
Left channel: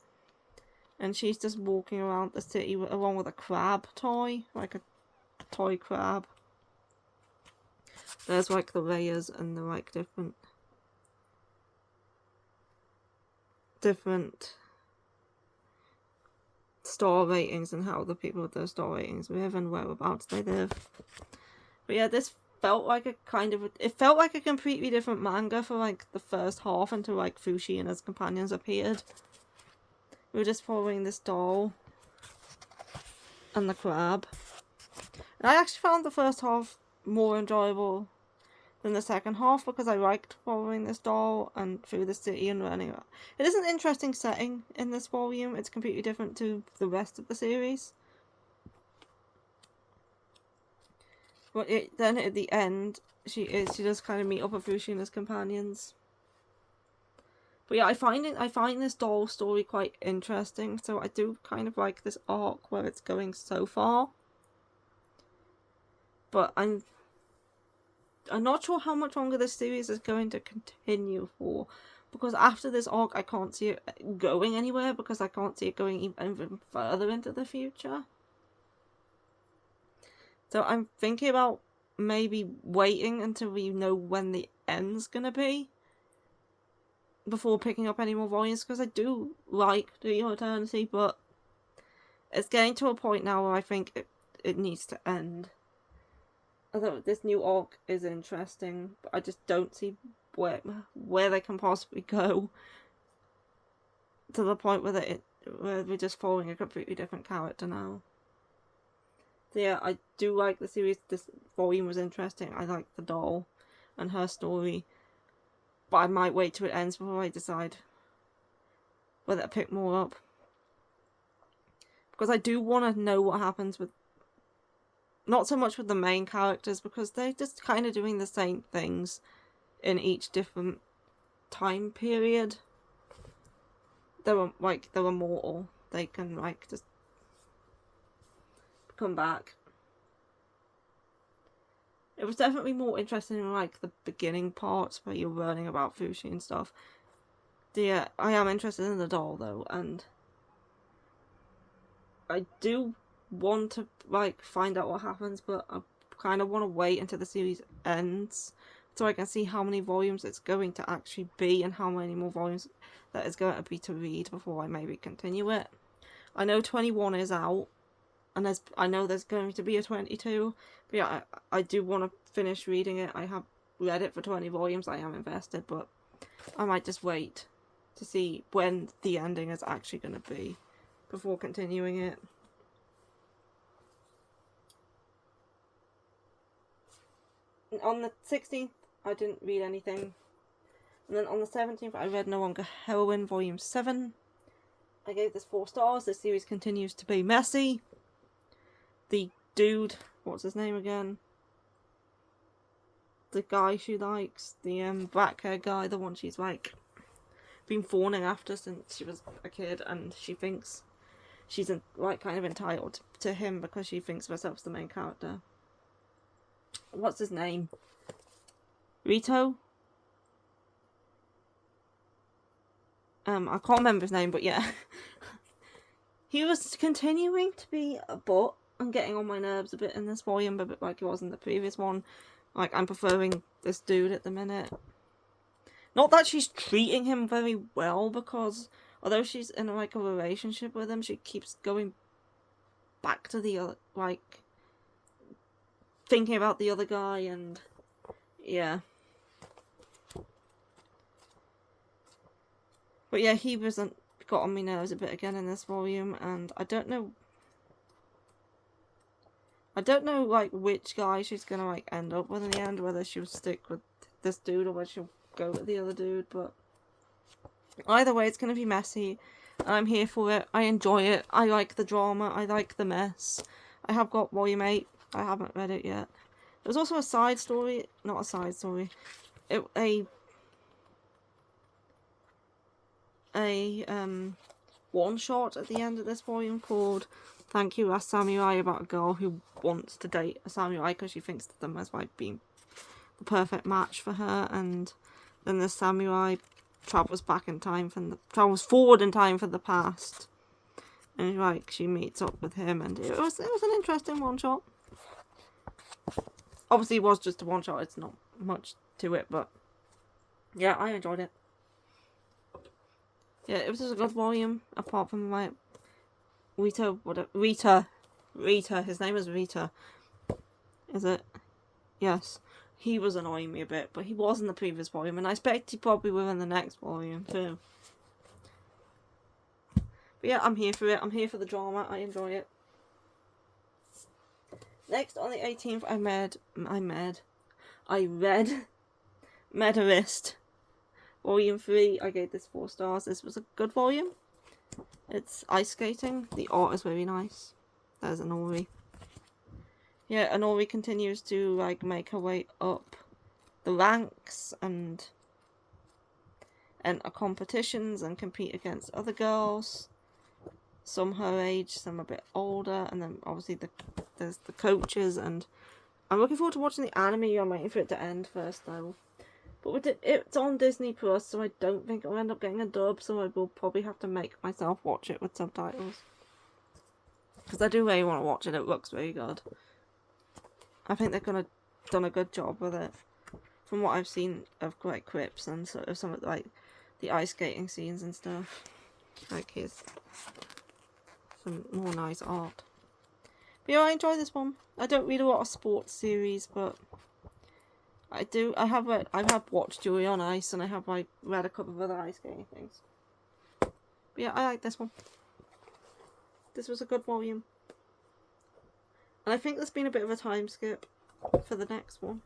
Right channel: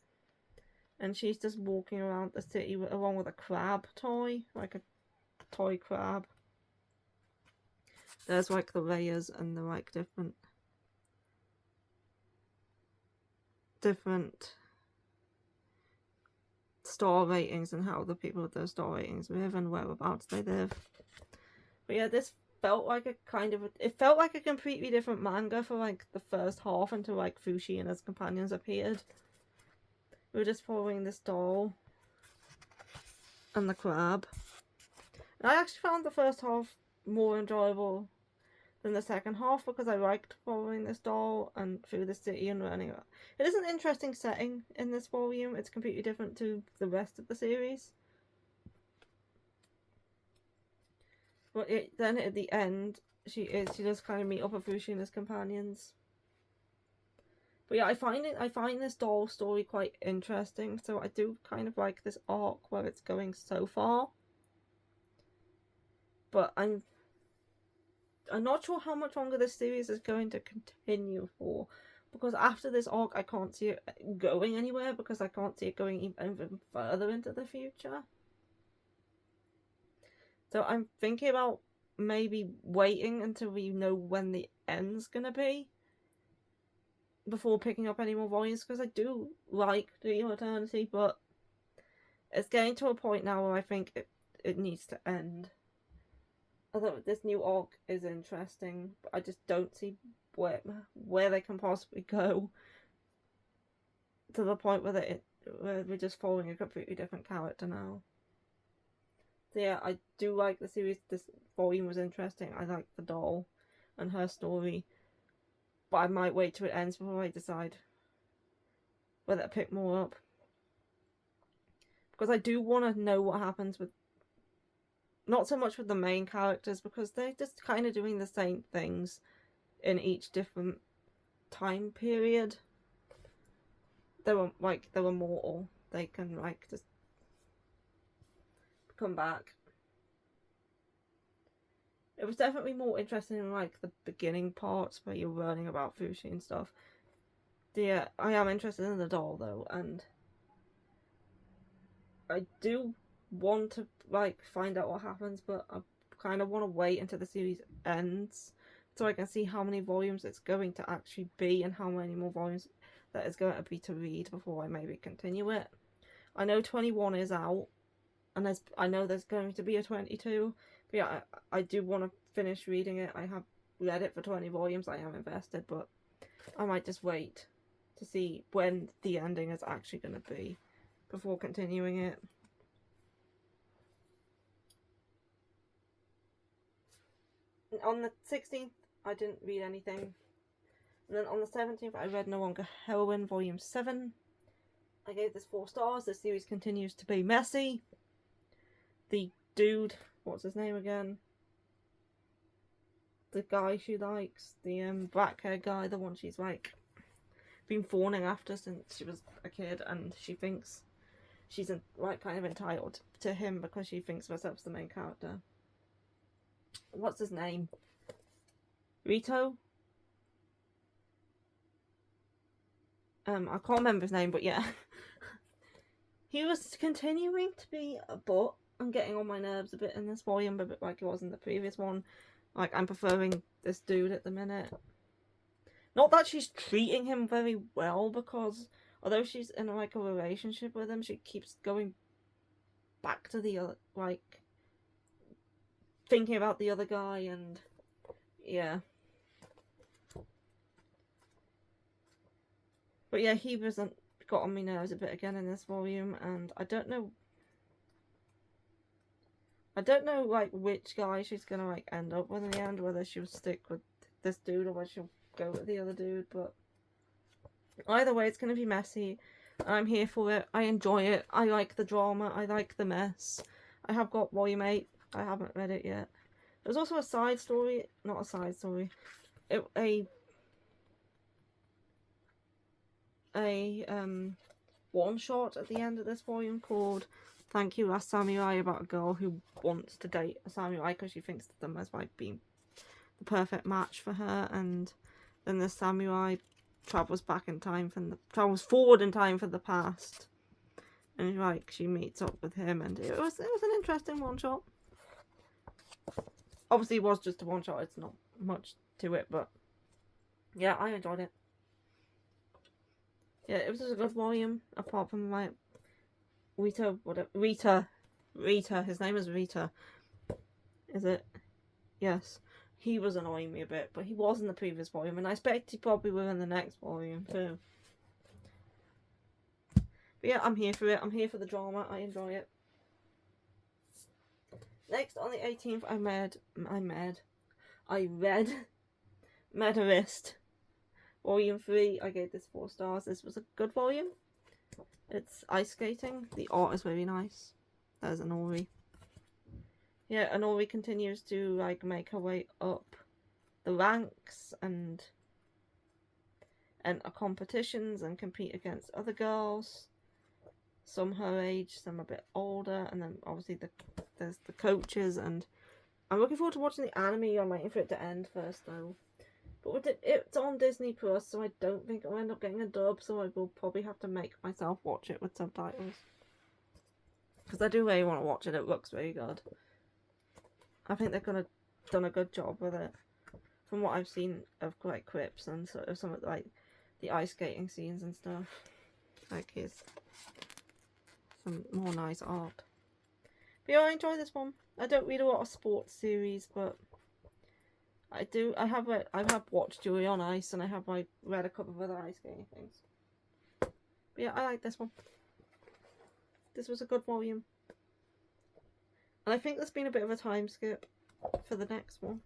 and she's just walking around the city along with a crab toy, like a toy crab. There's like the layers and the like different star ratings and how the people with those star ratings live and whereabouts they live. But yeah, this felt like it felt like a completely different manga for like the first half until like Fushi and his companions appeared. We were just following this doll and the crab. And I actually found the first half more enjoyable than the second half because I liked following this doll and through the city and running around. It is an interesting setting in this volume. It's completely different to the rest of the series. But then at the end, she does kind of meet up with Fushi and his companions. But yeah, I find this doll story quite interesting. So I do kind of like this arc where it's going so far. But I'm not sure how much longer this series is going to continue for, because after this arc I can't see it going anywhere, because I can't see it going even further into the future. So I'm thinking about maybe waiting until we know when the end's gonna be before picking up any more volumes, because I do like The Eternity, but it's getting to a point now where I think it needs to end. Although this new arc is interesting, but I just don't see where they can possibly go to the point where we're just following a completely different character now. So yeah, I do like the series. This volume was interesting. I like the doll and her story, but I might wait till it ends before I decide whether to pick more up, because I do want to know what happens with. Not so much with the main characters, because they're just kind of doing the same things in each different time period. They're immortal. They can like just come back. It was definitely more interesting in like the beginning parts where you're learning about Fushi and stuff. Yeah, I am interested in the doll though, and I do want to like find out what happens, but I kind of want to wait until the series ends so I can see how many volumes it's going to actually be and how many more volumes that is going to be to read before I maybe continue it. I know 21 is out, and I know there's going to be a 22, but yeah, I do want to finish reading it. I have read it for 20 volumes, I am invested, but I might just wait to see when the ending is actually going to be before continuing it. On the 16th, I didn't read anything. And then on the 17th, I read No Longer Heroine, Volume 7. I gave this 4 stars. This series continues to be messy. The dude, what's his name again? The guy she likes, the black hair guy, the one she's like been fawning after since she was a kid, and she thinks she's like kind of entitled to him because she thinks of herself as the main character. What's his name? Rito? I can't remember his name, but yeah. He was continuing to be a butt and getting on my nerves a bit in this volume, a bit like he was in the previous one. Like, I'm preferring this dude at the minute. Not that she's treating him very well, because although she's in like a relationship with him, she keeps going back to the other, like thinking about the other guy, and yeah. But yeah, he wasn't got on my nerves a bit again in this volume, and I don't know like which guy she's gonna like end up with in the end, whether she'll stick with this dude or whether she'll go with the other dude, but either way it's gonna be messy. I'm here for it. I enjoy it. I like the drama. I like the mess. I have got volume 8. I haven't read it yet. There's also a side story, not a side story, a one shot at the end of this volume called Thank You Last Samurai, about a girl who wants to date a samurai because she thinks them as like being the perfect match for her, and then the samurai travels forward in time for the past, and like she meets up with him, and it was an interesting one shot. Obviously it was just a one shot, it's not much to it, but yeah, I enjoyed it. Yeah, it was just a good volume, apart from like Rita, his name is Rita. Is it? Yes. He was annoying me a bit, but he was in the previous volume, and I expect he probably will in the next volume too. But yeah, I'm here for it. I'm here for the drama. I enjoy it. Next, on the 18th, I read Medalist Volume 3. I gave this 4 stars. This was a good volume. It's ice skating. The art is very nice. There's Anori. Yeah, Anori continues to like make her way up the ranks and enter competitions and compete against other girls. Some her age, some a bit older, and then obviously there's the coaches, and I'm looking forward to watching the anime. I'm waiting for it to end first though. But it's on Disney Plus, so I don't think I'll end up getting a dub, so I will probably have to make myself watch it with subtitles. Because I do really want to watch it. It looks very good. I think they've done a good job with it. From what I've seen of like clips and sort of some of like the ice skating scenes and stuff. Like here's some more nice art. But yeah, I enjoy this one. I don't read a lot of sports series, but I have watched Julie on Ice, and I have like read a couple of other ice skating things. But yeah, I like this one. This was a good volume. And I think there's been a bit of a time skip for the next one.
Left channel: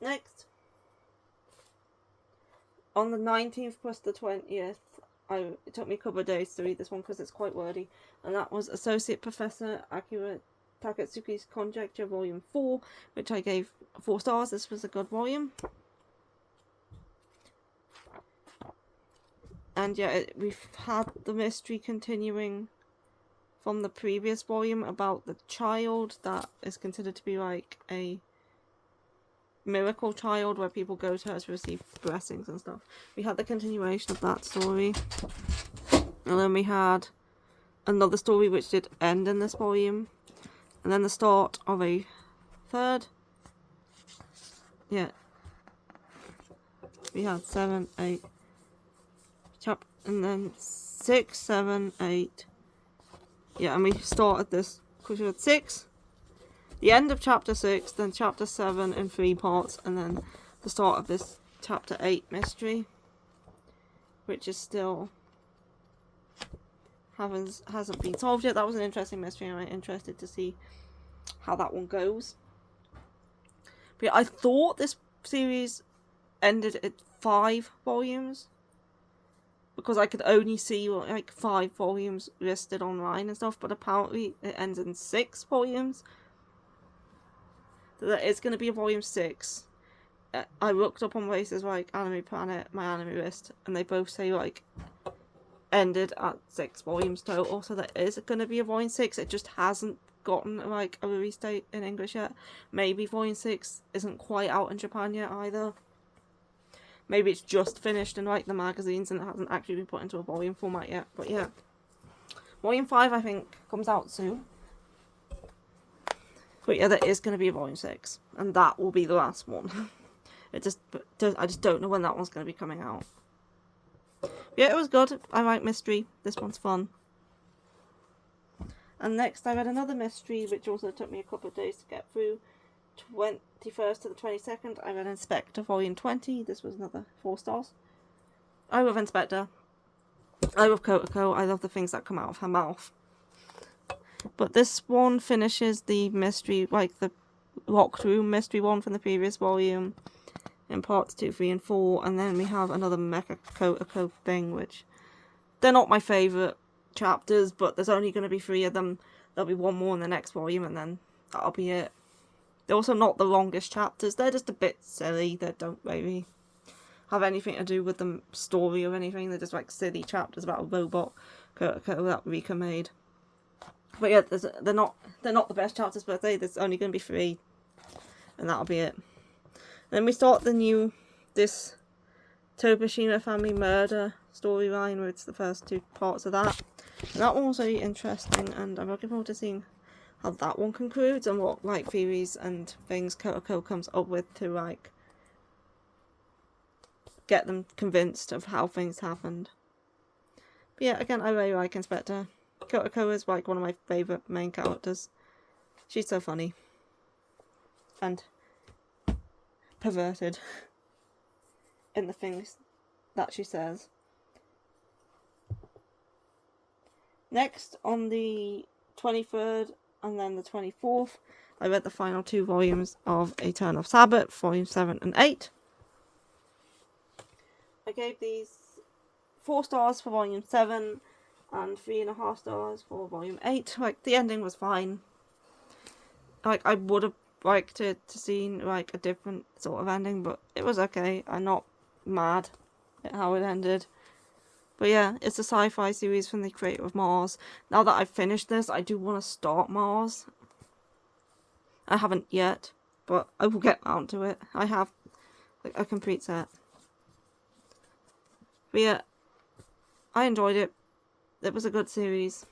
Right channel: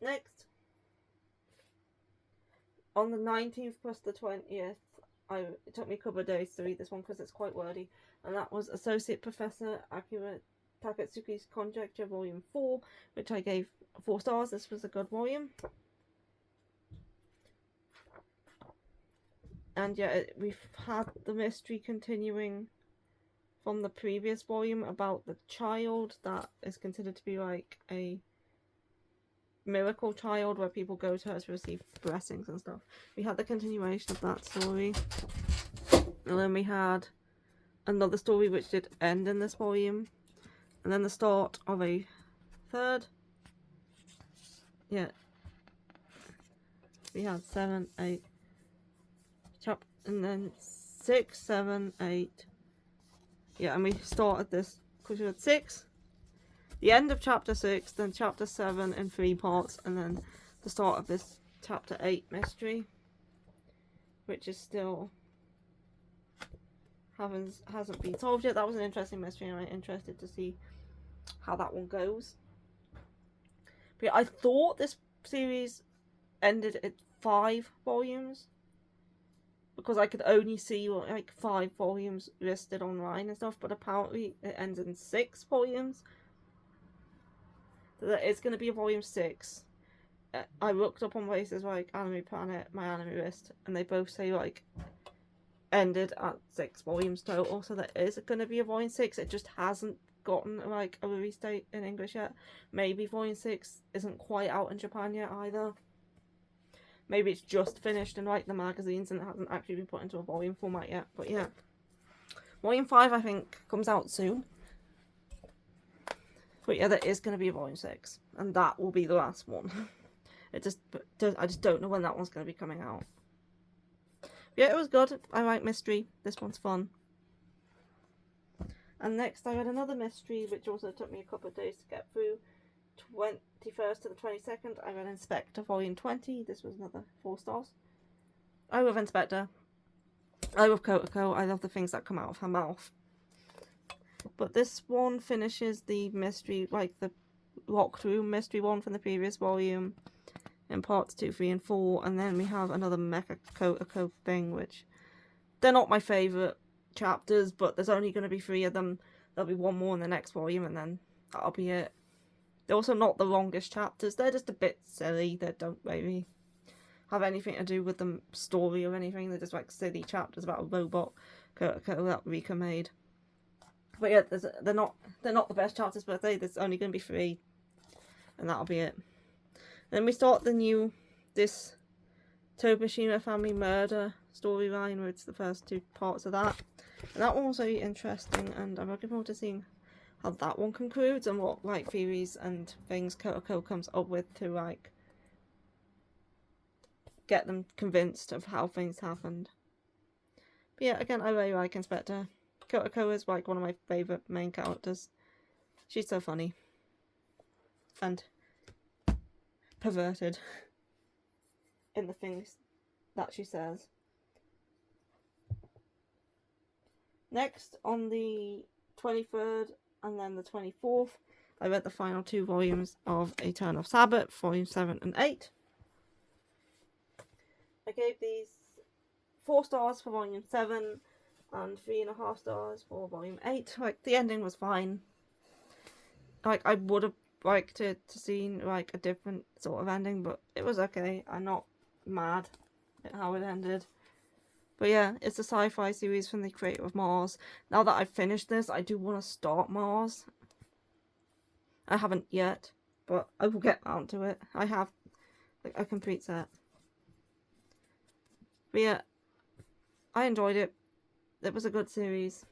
Next, on the 19th plus the 20th, it took me a couple of days to read this one because it's quite wordy, and that was Associate Professor Akira Takatsuki's Conjecture Volume 4, which I gave 4 stars. This was a good volume. And yeah, we've had the mystery continuing from the previous volume about the child that is considered to be like a miracle child where people go to her to receive blessings and stuff. We had the continuation of that story. And then we had another story which did end in this volume. And then the start of a third. Yeah. We had 7, 8. And then 6, 7, 8. Yeah, and we started this because we had 6. The end of chapter 6, then chapter 7 in 3 parts, and then the start of this chapter 8 mystery, which is still hasn't been solved yet. That was an interesting mystery, and I'm interested to see how that one goes. But yeah, I thought this series ended at 5 volumes, because I could only see like 5 volumes listed online and stuff, but apparently it ends in 6 volumes. So it's going to be a volume 6. I looked up on places like Anime Planet, my anime list, and they both say like ended at 6 volumes total. So there is going to be a volume 6. It just hasn't gotten like a release date in English yet. Maybe volume 6 isn't quite out in Japan yet either. Maybe it's just finished in like the magazines and it hasn't actually been put into a volume format yet. But yeah, volume 5 I think comes out soon. But yeah, there is going to be a volume 6, and that will be the last one. I just don't know when that one's going to be coming out. Yeah, it was good. I like mystery. This one's fun. And next I read another mystery, which also took me a couple of days to get through. 21st to the 22nd, I read Inspector Volume 20. This was another 4 stars. I love Inspector. I love Kotoko. I love the things that come out of her mouth. But this one finishes the mystery, like the locked room mystery one from the previous volume, in parts 2, 3, and 4. And then we have another Mecha Kotoko thing, which they're not my favourite chapters, but there's only going to be 3 of them. There'll be one more in the next volume, and then that'll be it. They're also not the longest chapters. They're just a bit silly. They don't really have anything to do with the story or anything. They're just like silly chapters about a robot that Rika made. But yeah, they're not the best chapters per se. There's only going to be 3, and that'll be it. Then we start this Tobashima family murder storyline, where it's the first 2 parts of that. And that one was very interesting, and I'm looking forward to seeing how that one concludes and what like theories and things Kotoko comes up with to like get them convinced of how things happened. But yeah, again, I really like Inspector. Kotoko is like one of my favourite main characters. She's so funny. And perverted in the things that she says. Next, on the 23rd and then the 24th, I read the final 2 volumes of A Turn of Sabbath, volume 7 and 8. I gave these 4 stars for volume 7 and 3.5 stars for volume 8. Like, the ending was fine. Like, I would have liked to see like a different sort of ending, but it was okay. I'm not mad at how it ended. But yeah, it's a sci-fi series from the creator of Mars. Now that I've finished this, I do want to start Mars. I haven't yet, but I will get around to it. I have a complete set. But yeah, I enjoyed it. It was a good series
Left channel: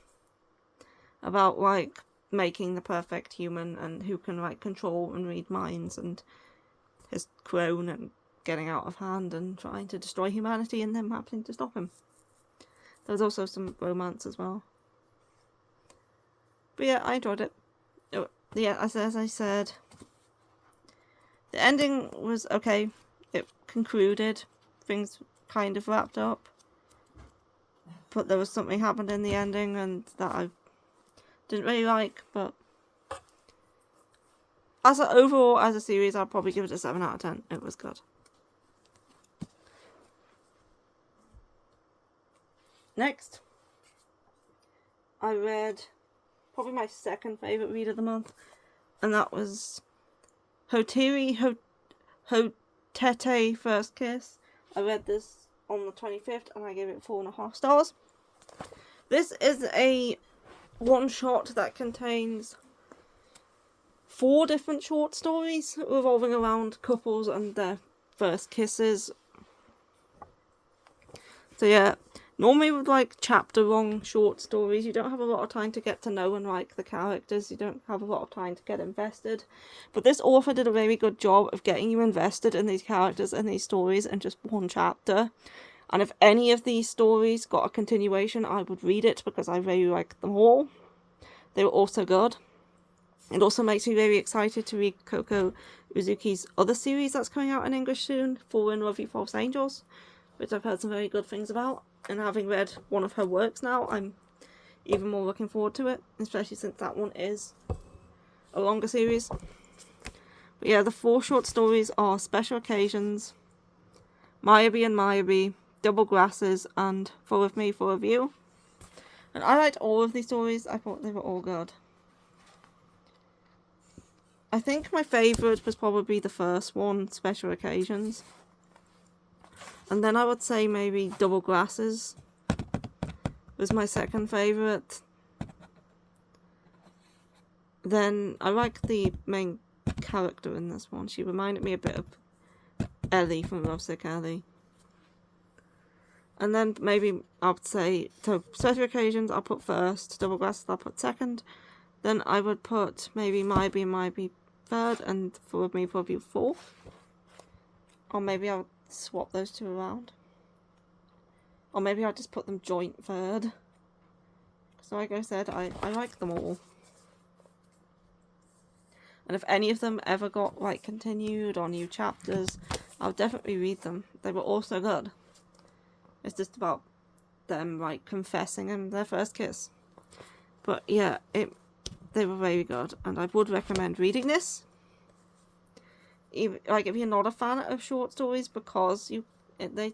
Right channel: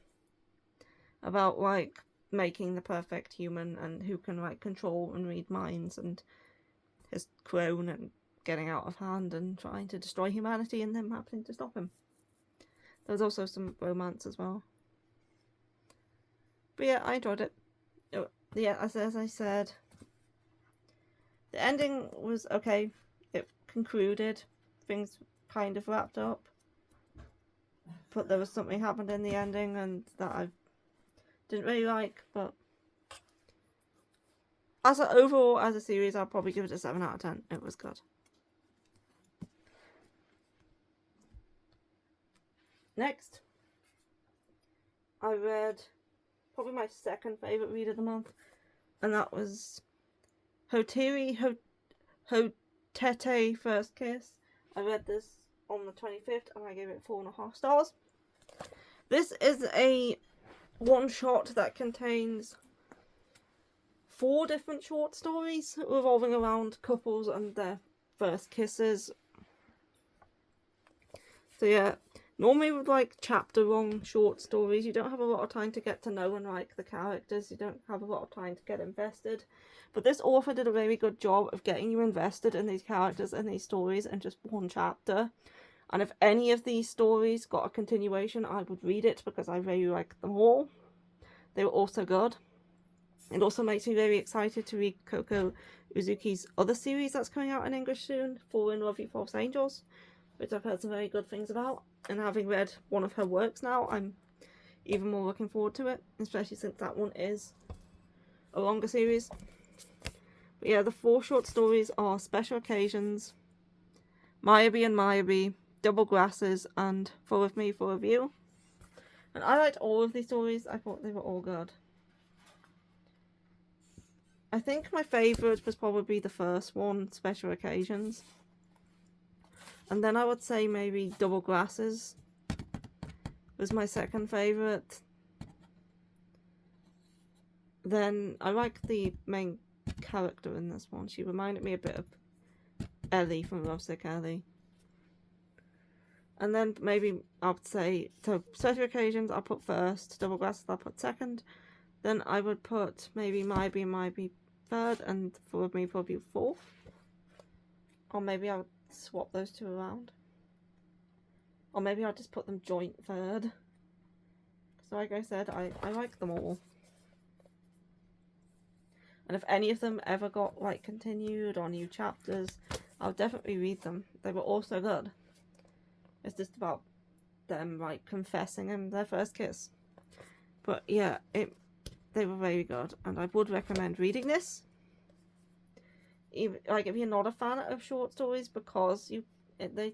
about like making the perfect human and who can like control and read minds, and his clone and getting out of hand and trying to destroy humanity and them happening to stop him. There was also some romance as well. But yeah, I enjoyed it. Yeah, as I said, the ending was okay. It concluded. Things kind of wrapped up. But there was something happened in the ending and that I didn't really like. But overall, as a series, I'd probably give it a 7 out of 10. It was good. Next, I read probably my second favourite read of the month, and that was Hoteri Hotete First Kiss. I read this on the 25th and I gave it 4.5 stars. This is a one-shot that contains 4 different short stories revolving around couples and their first kisses. So yeah, normally with like chapter-long short stories, you don't have a lot of time to get to know and like the characters. You don't have a lot of time to get invested. But this author did a very good job of getting you invested in these characters and these stories in just one chapter. And if any of these stories got a continuation, I would read it because I really liked them all. They were also good. It also makes me very excited to read Koko Uzuki's other series that's coming out in English soon, Fallen Love You False Angels, which I've heard some very good things about. And having read one of her works now, I'm even more looking forward to it, especially since that one is a longer series. But yeah, the 4 short stories are Special Occasions, Mayabi and Mayabi, Double Glasses, and Full of Me, Full of You. And I liked all of these stories. I thought they were all good. I think my favourite was probably the first one, Special Occasions. And then I would say maybe Double Glasses was my second favourite. Then I like the main character in this one. She reminded me a bit of Ellie from Lovesick Ellie. And then maybe I would say, so Special Occasions I'll put first, Double Glasses I'll put second. Then I would put maybe Maybe third, and Full of Me, Full of You fourth. Or maybe I'll swap those 2 around. Or maybe I'll just put them joint third. So like I said, I like them all. And if any of them ever got like continued or new chapters, I'll definitely read them. They were all so good. It's just about them like confessing in their first kiss. But yeah, they were very good, and I would recommend reading this. Even, like, if you're not a fan of short stories, because they're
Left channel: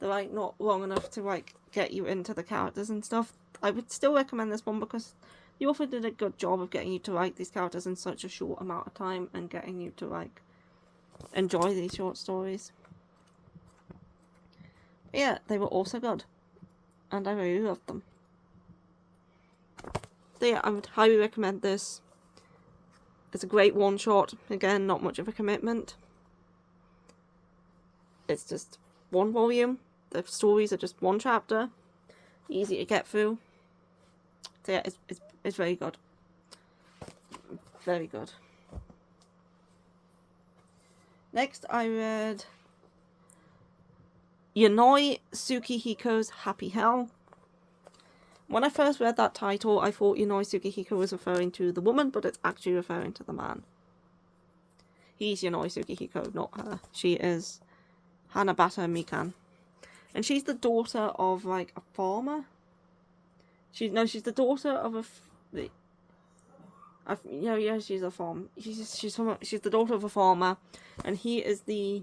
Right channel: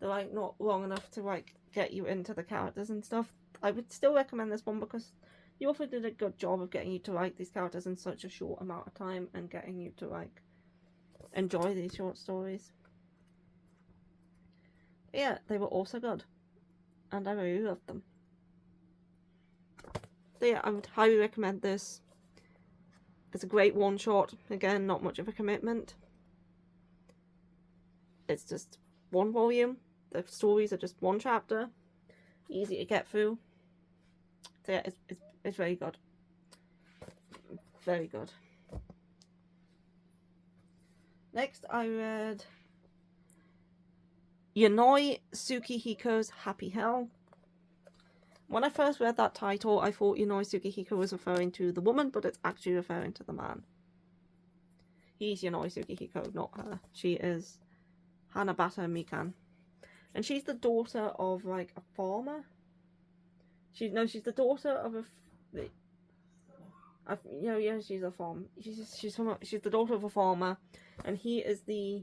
like not long enough to like get you into the characters and stuff, I would still recommend this one because the author did a good job of getting you to like these characters in such a short amount of time and getting you to like enjoy these short stories. But yeah, they were also good, and I really loved them. So yeah, I would highly recommend this. It's a great one shot. Again, not much of a commitment. It's just one volume. The stories are just one chapter. Easy to get through. So yeah, it's very good. Very good. Next, I read Yonoi Tsukihiko's Happy Hell. When I first read that title, I thought Yonoi Tsukihiko was referring to the woman, but it's actually referring to the man. He's Yonoi Tsukihiko, not her. She is Hanabata Mikan. And she's the daughter of, like, a farmer. She's the daughter of she's a farm. She's the daughter of a farmer, and he is the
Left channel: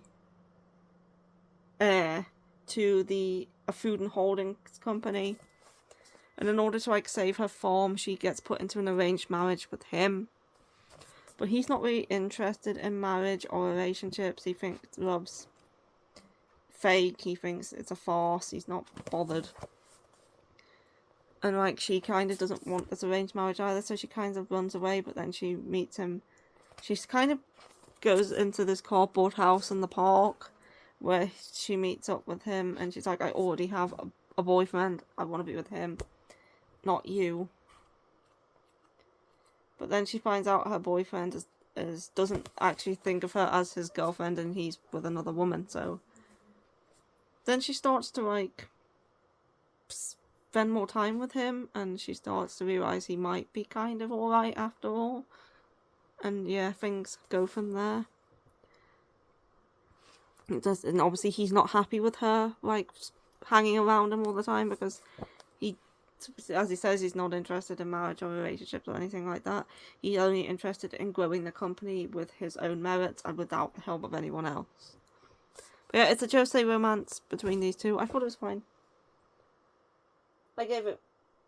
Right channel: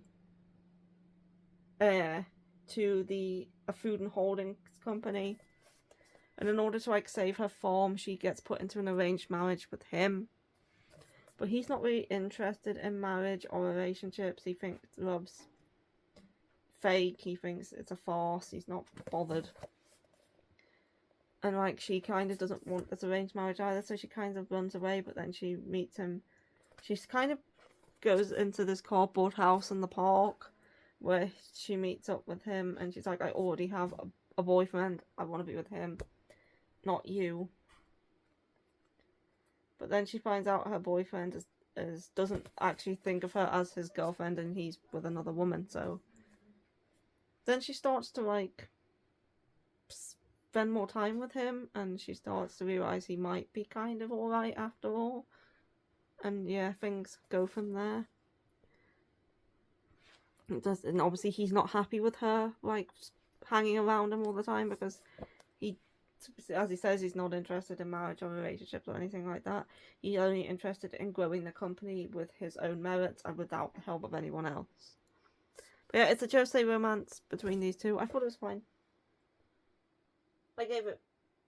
heir to a food and holdings company. And in order to like save her farm, she gets put into an arranged marriage with him. But he's not really interested in marriage or relationships. He thinks love's fake. He thinks it's a farce. He's not bothered. And like she kind of doesn't want this arranged marriage either, so she kind of runs away. But then she meets him. She kind of goes into this cardboard house in the park where she meets up with him, and she's like, I already have a boyfriend. I want to be with him, not you. But then she finds out her boyfriend doesn't actually think of her as his girlfriend, and he's with another woman. So then she starts to like spend more time with him, and she starts to realize he might be kind of alright after all. And yeah, things go from there. And obviously he's not happy with her like hanging around him all the time, because as he says, he's not interested in marriage or relationships or anything like that. He's only interested in growing the company with his own merits and without the help of anyone else. But yeah, it's a josei romance between these two. I thought it was fine. I gave it...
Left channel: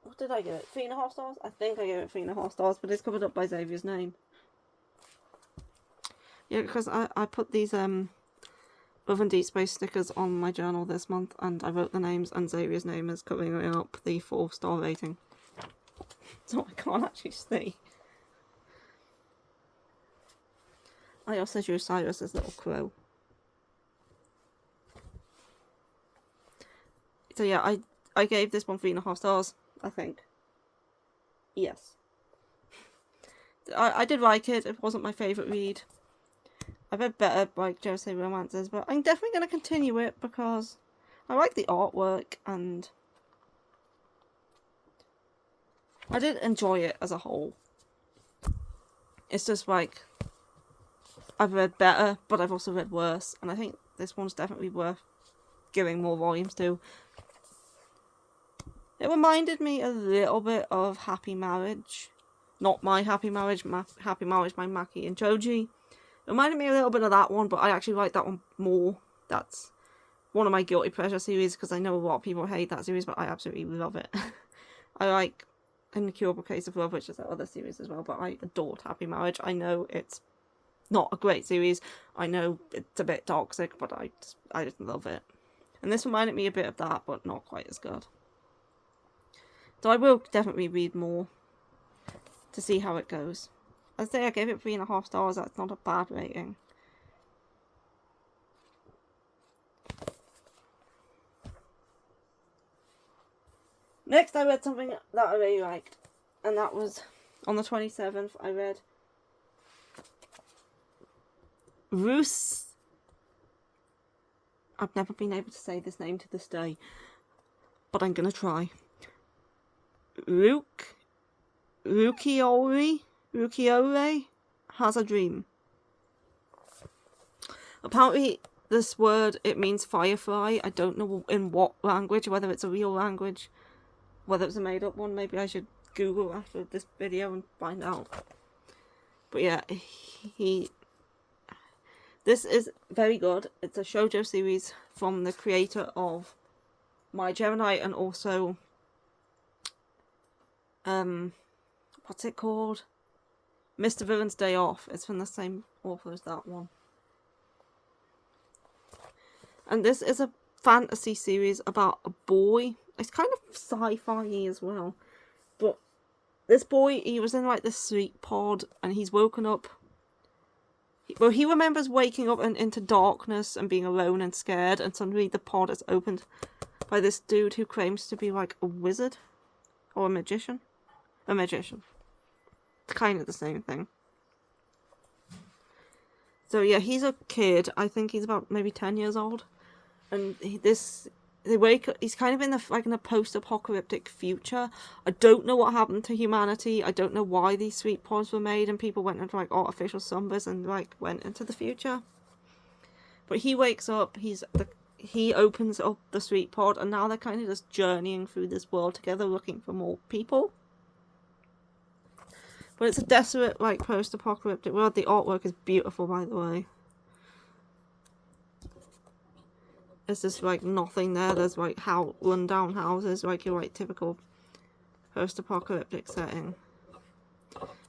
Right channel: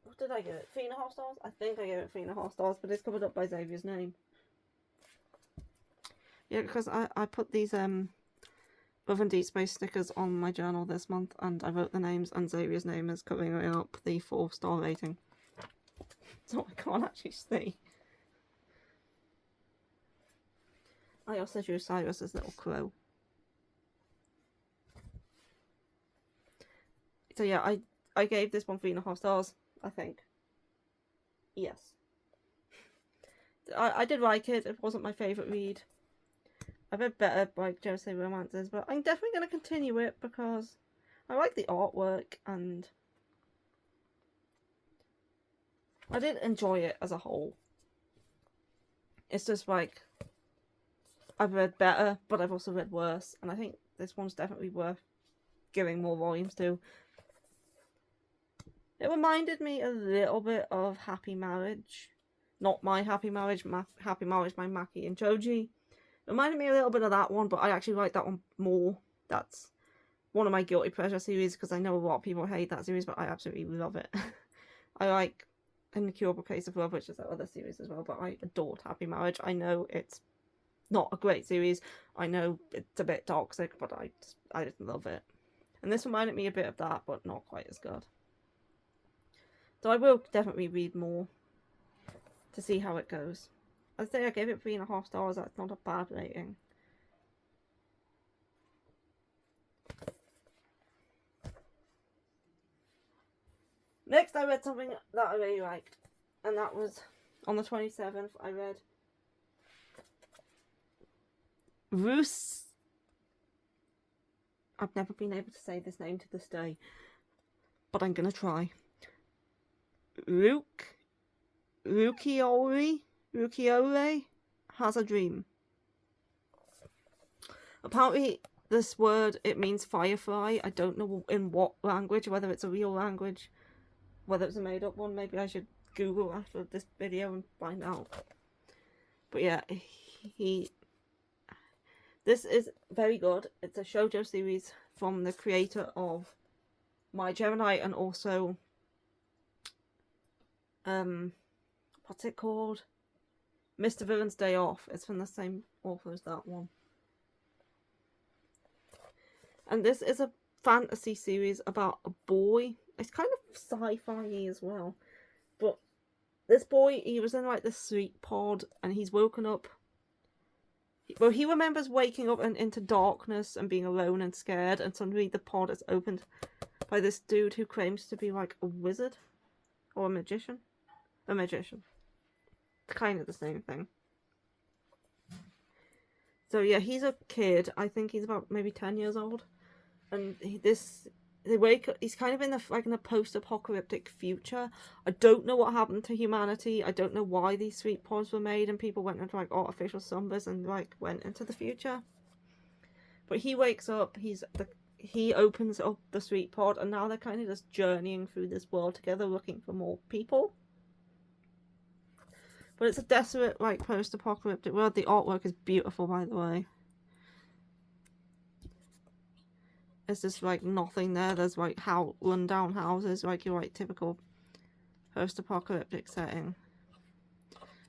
What did I give it? 3.5 stars? I think I gave it 3.5 stars, but it's covered up by Xavier's name. Yeah, because I put these Love and Deep Space stickers on my journal this month, and I wrote the names, and Xavier's name is covering up the 4-star rating. So I can't actually see. I also drew Cyrus's little crow. So yeah, I gave this one 3.5 stars, I think. Yes. I did like it. It wasn't my favourite read. I've read better like josei romances, but I'm definitely going to continue it because I like the artwork and I did enjoy it as a whole. It's just like I've read better, but I've also read worse, and I think this one's definitely worth giving more volumes to. It reminded me a little bit of Happy Marriage. Not My Happy Marriage, Happy Marriage by Maki and Choji. It reminded me a little bit of that one, but I actually like that one more. That's one of my guilty pleasure series, because I know a lot of people hate that series, but I absolutely love it. I like An Incurable Case of Love, which is that other series as well, but I adored Happy Marriage. I know it's not a great series. I know it's a bit toxic, but I just love it. And this reminded me a bit of that, but not quite as good. So I will definitely read more to see how it goes. I'd say I gave it 3.5 stars. That's not a bad rating. Next, I read something that I really liked, and that was on the 27th. I read I've never been able to say this name to this day. but I'm gonna try. Rukiore has a dream. Apparently, this word, it means firefly. I don't know in what language, whether it's a real language, whether it's a made-up one. Maybe I should Google after this video and find out. But yeah, this is very good. It's a shoujo series from the creator of My Gemini and also, what's it called? Mr. Villain's Day Off. It's from the same author as that one. And this is a fantasy series about a boy. It's kind of sci-fi as well. But this boy, he was in like the sleep pod and he's woken up. Well, he remembers waking up and into darkness and being alone and scared. And suddenly the pod is opened by this dude who claims to be like a wizard or a magician. A magician. It's kind of the same thing. So yeah, he's a kid. I think he's about maybe 10 years old. And he's kind of in a post-apocalyptic future. I don't know what happened to humanity. I don't know why these sweet pods were made and people went into like artificial slumbers and like went into the future. But he wakes up, he opens up the sweet pod, and now they're kind of just journeying through this world together looking for more people. But it's a desolate, like, post-apocalyptic world. The artwork is beautiful, by the way. There's just, like, nothing there. There's, like, run-down houses, like your, like, typical post-apocalyptic setting.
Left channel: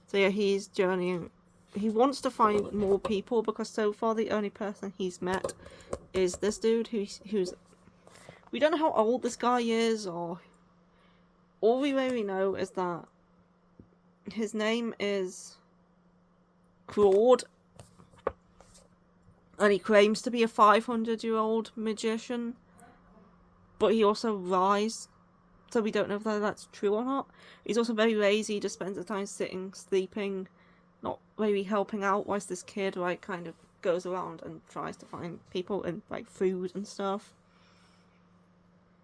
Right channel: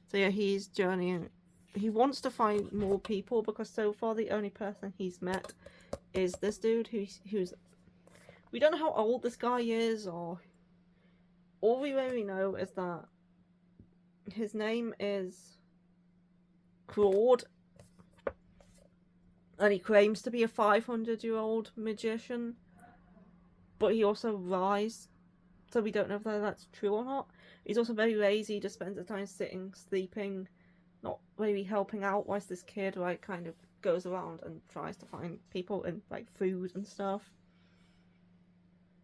So, yeah, he's journeying. He wants to find more people because so far the only person he's met is this dude who's... We don't know how old this guy is, or... All we really know is that his name is Claude, and he claims to be a 500-year-old magician, but he also lies, so we don't know if that's true or not. He's also very lazy, he just spends the time sitting, sleeping, not really helping out, whilst this kid, like, kind of goes around and tries to find people and, like, food and stuff.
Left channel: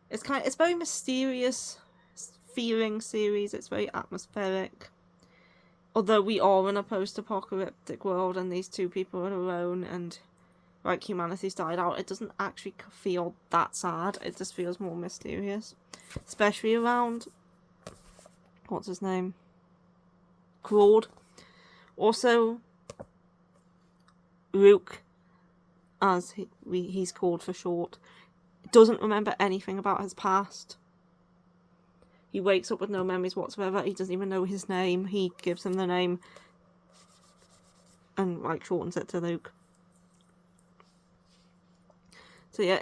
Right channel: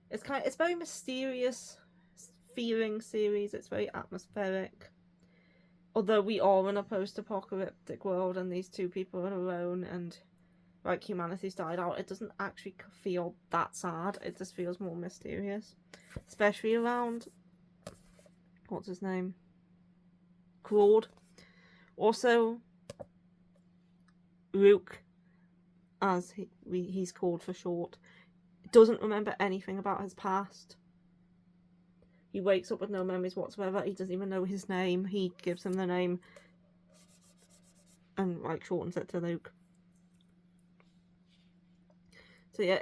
It's very mysterious feeling series, it's very atmospheric. Although we are in a post-apocalyptic world and these two people are alone and, like, humanity's died out, it doesn't actually feel that sad. It just feels more mysterious. Especially around... What's his name? Claude. Also, Luke, as he's called for short, doesn't remember anything about his past. He wakes up with no memories whatsoever. He doesn't even know his name. He gives him the name and, like, shortens it to Luke. So yeah,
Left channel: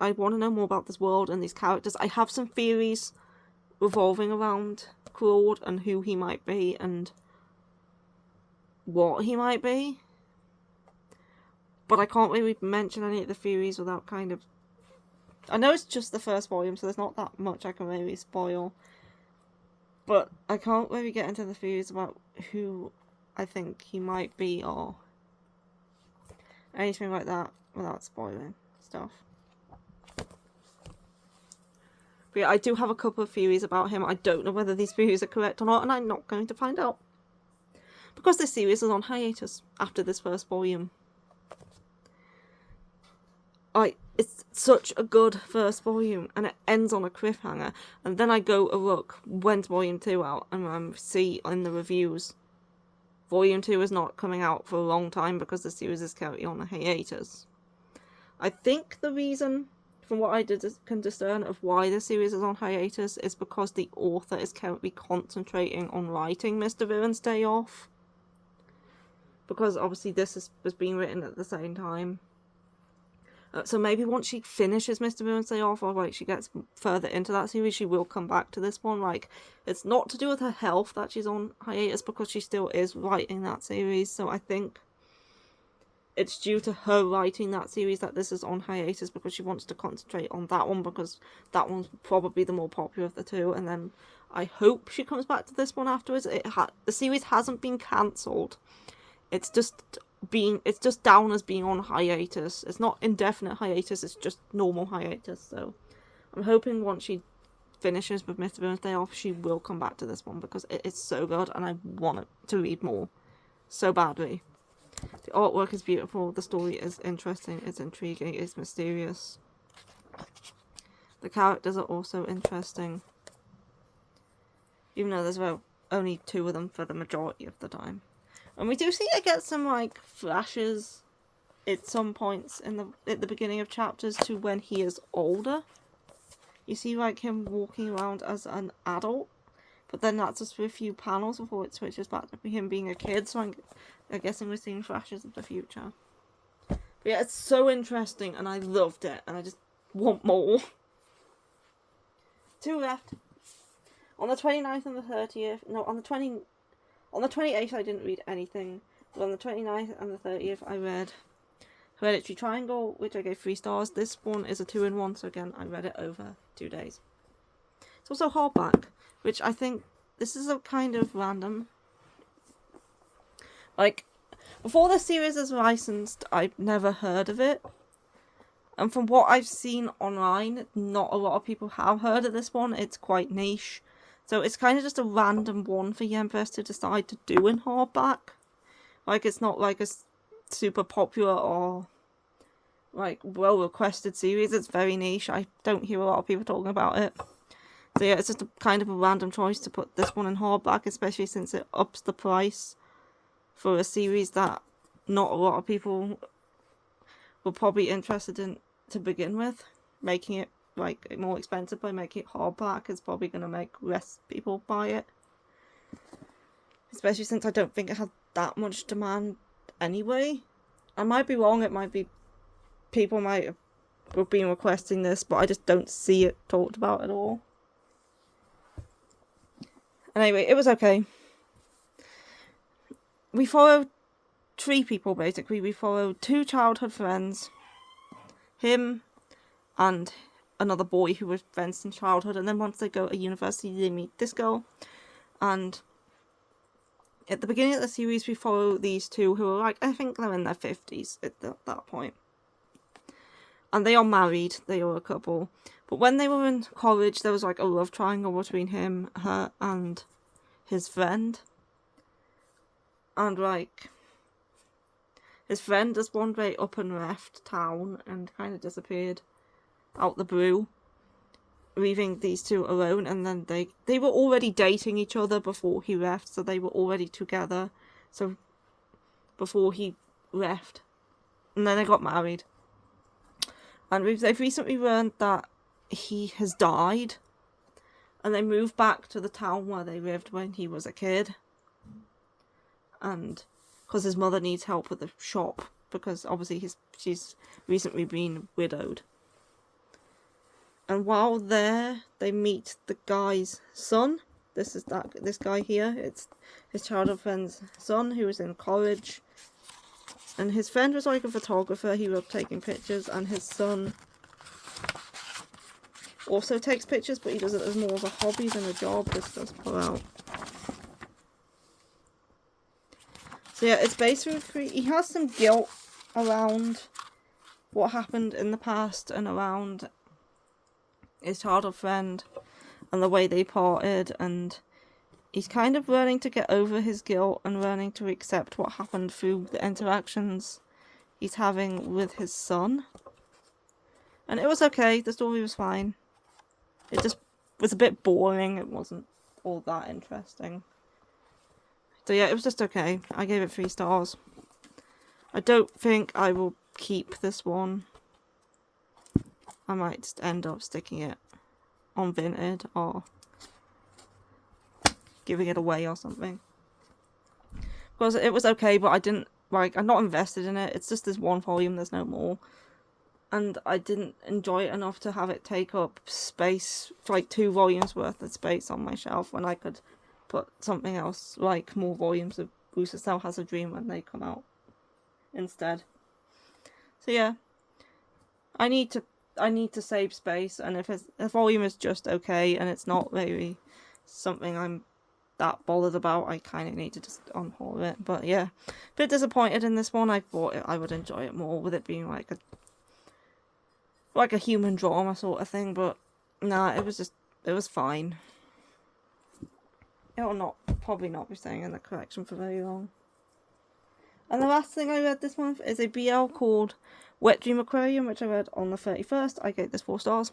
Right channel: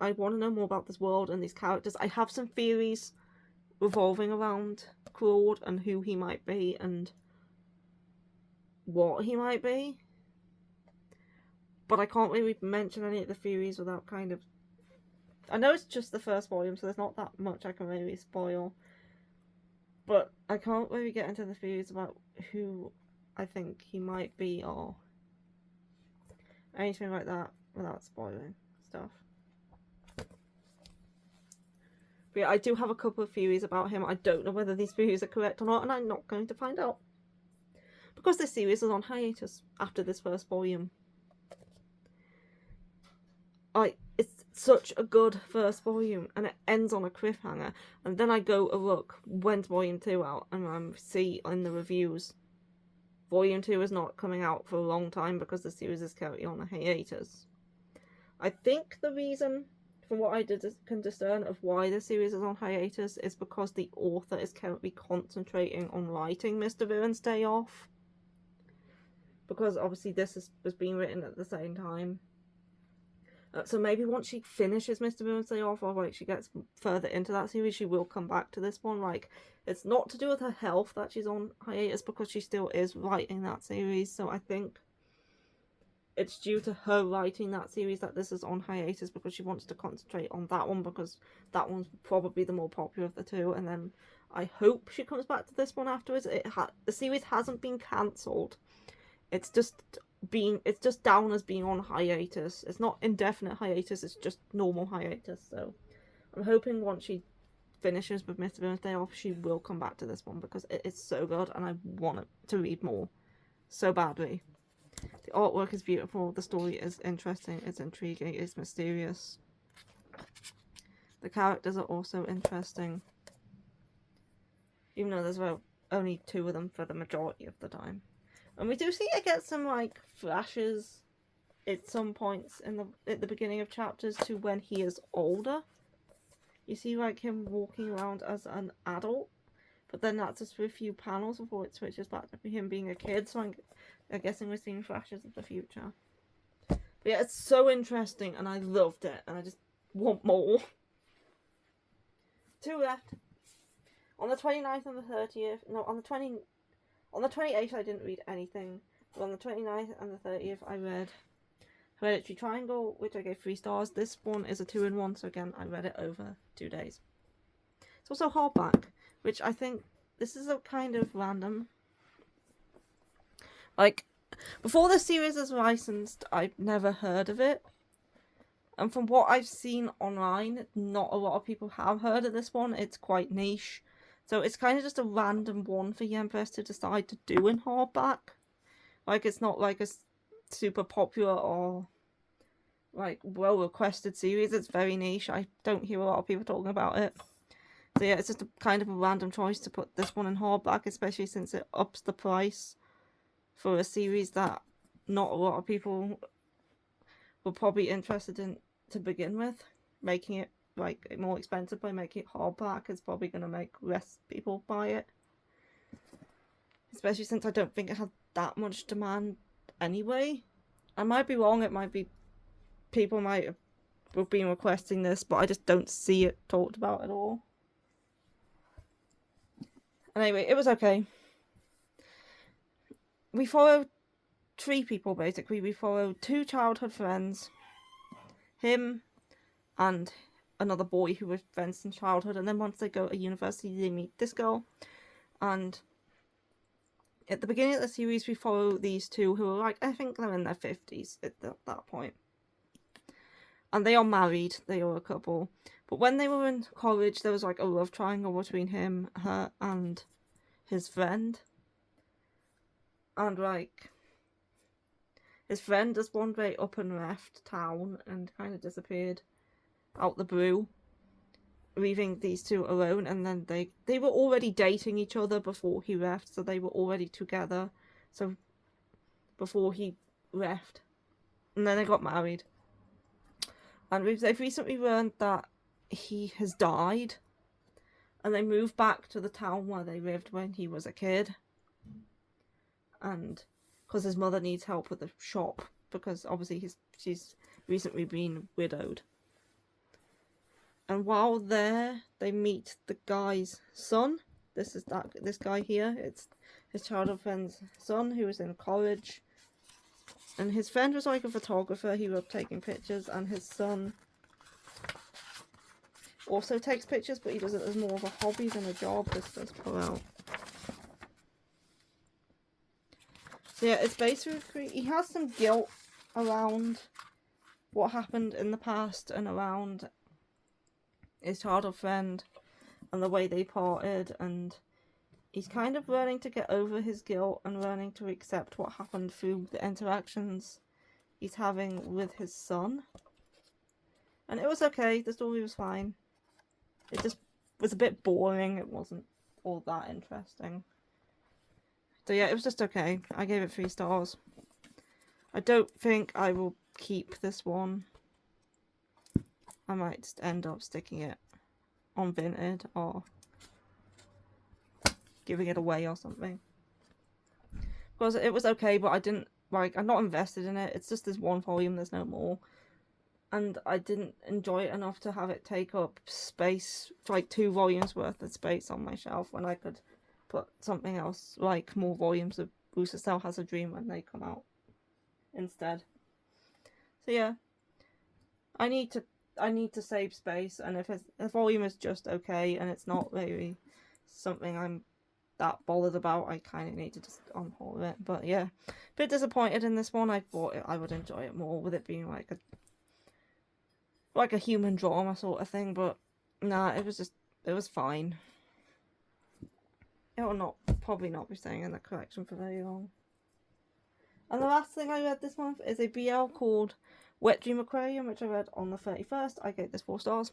I want to know more about this world and these characters. I have some theories revolving around Claude and who he might be and what he might be. But I can't really mention any of the theories without kind of... I know it's just the first volume, so there's not that much I can really spoil. But I can't really get into the theories about who I think he might be or anything like that without spoiling stuff. But yeah, I do have a couple of theories about him. I don't know whether these theories are correct or not, and I'm not going to find out. Because this series is on hiatus after this first volume. It's such a good first volume, and it ends on a cliffhanger, and then I go look, when's volume 2 out, and I see in the reviews, volume 2 is not coming out for a long time because the series is currently on a hiatus. I think the reason, from what I can discern of why the series is on hiatus, is because the author is currently concentrating on writing Mr. Villain's Day Off. Because obviously this was being written at the same time. So maybe once she finishes Mr. Villain's Day Off, or like she gets further into that series, she will come back to this one. Like, it's not to do with her health that she's on hiatus, because she still is writing that series. So I think it's due to her writing that series that this is on hiatus, because she wants to concentrate on that one, because that one's probably the more popular of the two. And then I hope she comes back to this one afterwards. The series hasn't been cancelled. It's just down as being on hiatus. It's not indefinite hiatus, it's just normal hiatus. So I'm hoping once she finishes with Mr. Birthday Off, she will come back to this one because it is so good and I want to read more so badly. The artwork is beautiful, the story is interesting, it's intriguing, it's mysterious. The characters are also interesting. Even though there's only 2 of them for the majority of the time. And we do see it get some like flashes at some points at the beginning of chapters to when he is older. You see like him walking around as an adult, but then that's just for a few panels before it switches back to him being a kid, so I'm guessing we're seeing flashes of the future. But yeah, it's so interesting and I loved it and I just want more. 2 left. On the 29th and the 30th, no, on the 28th I didn't read anything, but on the 29th and the 30th I read Hereditary Triangle, which I gave 3 stars. This one is a 2-in-1, so again, I read it over 2 days. It's also hardback, which I think this is a kind of random. Like, before the series is licensed, I've never heard of it. And from what I've seen online, not a lot of people have heard of this one. It's quite niche. So it's kind of just a random one for Yempress to decide to do in hardback. Like, it's not like a super popular or like well requested series. It's very niche. I don't hear a lot of people talking about it. So yeah, it's just a kind of a random choice to put this one in hardback, especially since it ups the price for a series that not a lot of people were probably interested in to begin with. Making it like more expensive by making it hardback is probably going to make less people buy it, especially since I don't think it had that much demand anyway. I might be wrong, it might be people might have been requesting this, but I just don't see it talked about at all. Anyway, it was okay. We followed 3 people basically. We followed 2 childhood friends, him and another boy who was friends in childhood, and then once they go to university they meet this girl. And at the beginning of the series we follow these 2 who are like, I think they're in their 50s at that point. And they are married, they are a couple. But when they were in college there was like a love triangle between him, her and his friend. And like, his friend just one day up and left town and kind of disappeared out the blue, leaving these 2 alone. And then they were already dating each other before he left, so they were already together, so before he left, and then they got married. And they've recently learned that he has died, and they moved back to the town where they lived when he was a kid, and because his mother needs help with the shop, because obviously she's recently been widowed. And while there, they meet the guy's son. This guy here. It's his childhood friend's son who was in college. And his friend was like a photographer. He loved taking pictures. And his son also takes pictures, but he does it as more of a hobby than a job. This does pull out. So yeah, it's basically, he has some guilt around what happened in the past and around his childhood friend and the way they parted, and he's kind of learning to get over his guilt and learning to accept what happened through the interactions he's having with his son. And it was okay, the story was fine. It just was a bit boring, it wasn't all that interesting. So yeah, it was just okay. I gave it 3 stars. I don't think I will keep this one. I might just end up sticking it on Vinted or giving it away or something. Because it was okay, but I didn't, like, I'm not invested in it. It's just this 1 volume, there's no more. And I didn't enjoy it enough to have it take up space, like 2 volumes worth of space on my shelf, when I could put something else, like more volumes of Bruce's Cell Has a Dream when they come out instead. So yeah, I need to save space, and if a volume is just okay and it's not really something I'm that bothered about, I kind of need to just unhaul it. But yeah, a bit disappointed in this one. I thought I would enjoy it more with it being like a human drama sort of thing, but Nah, it was fine. It will probably not be staying in the collection for very long. And the last thing I read this month is a BL called Wet Dream Aquarium, which I read on the 31st. I gave this 4 stars.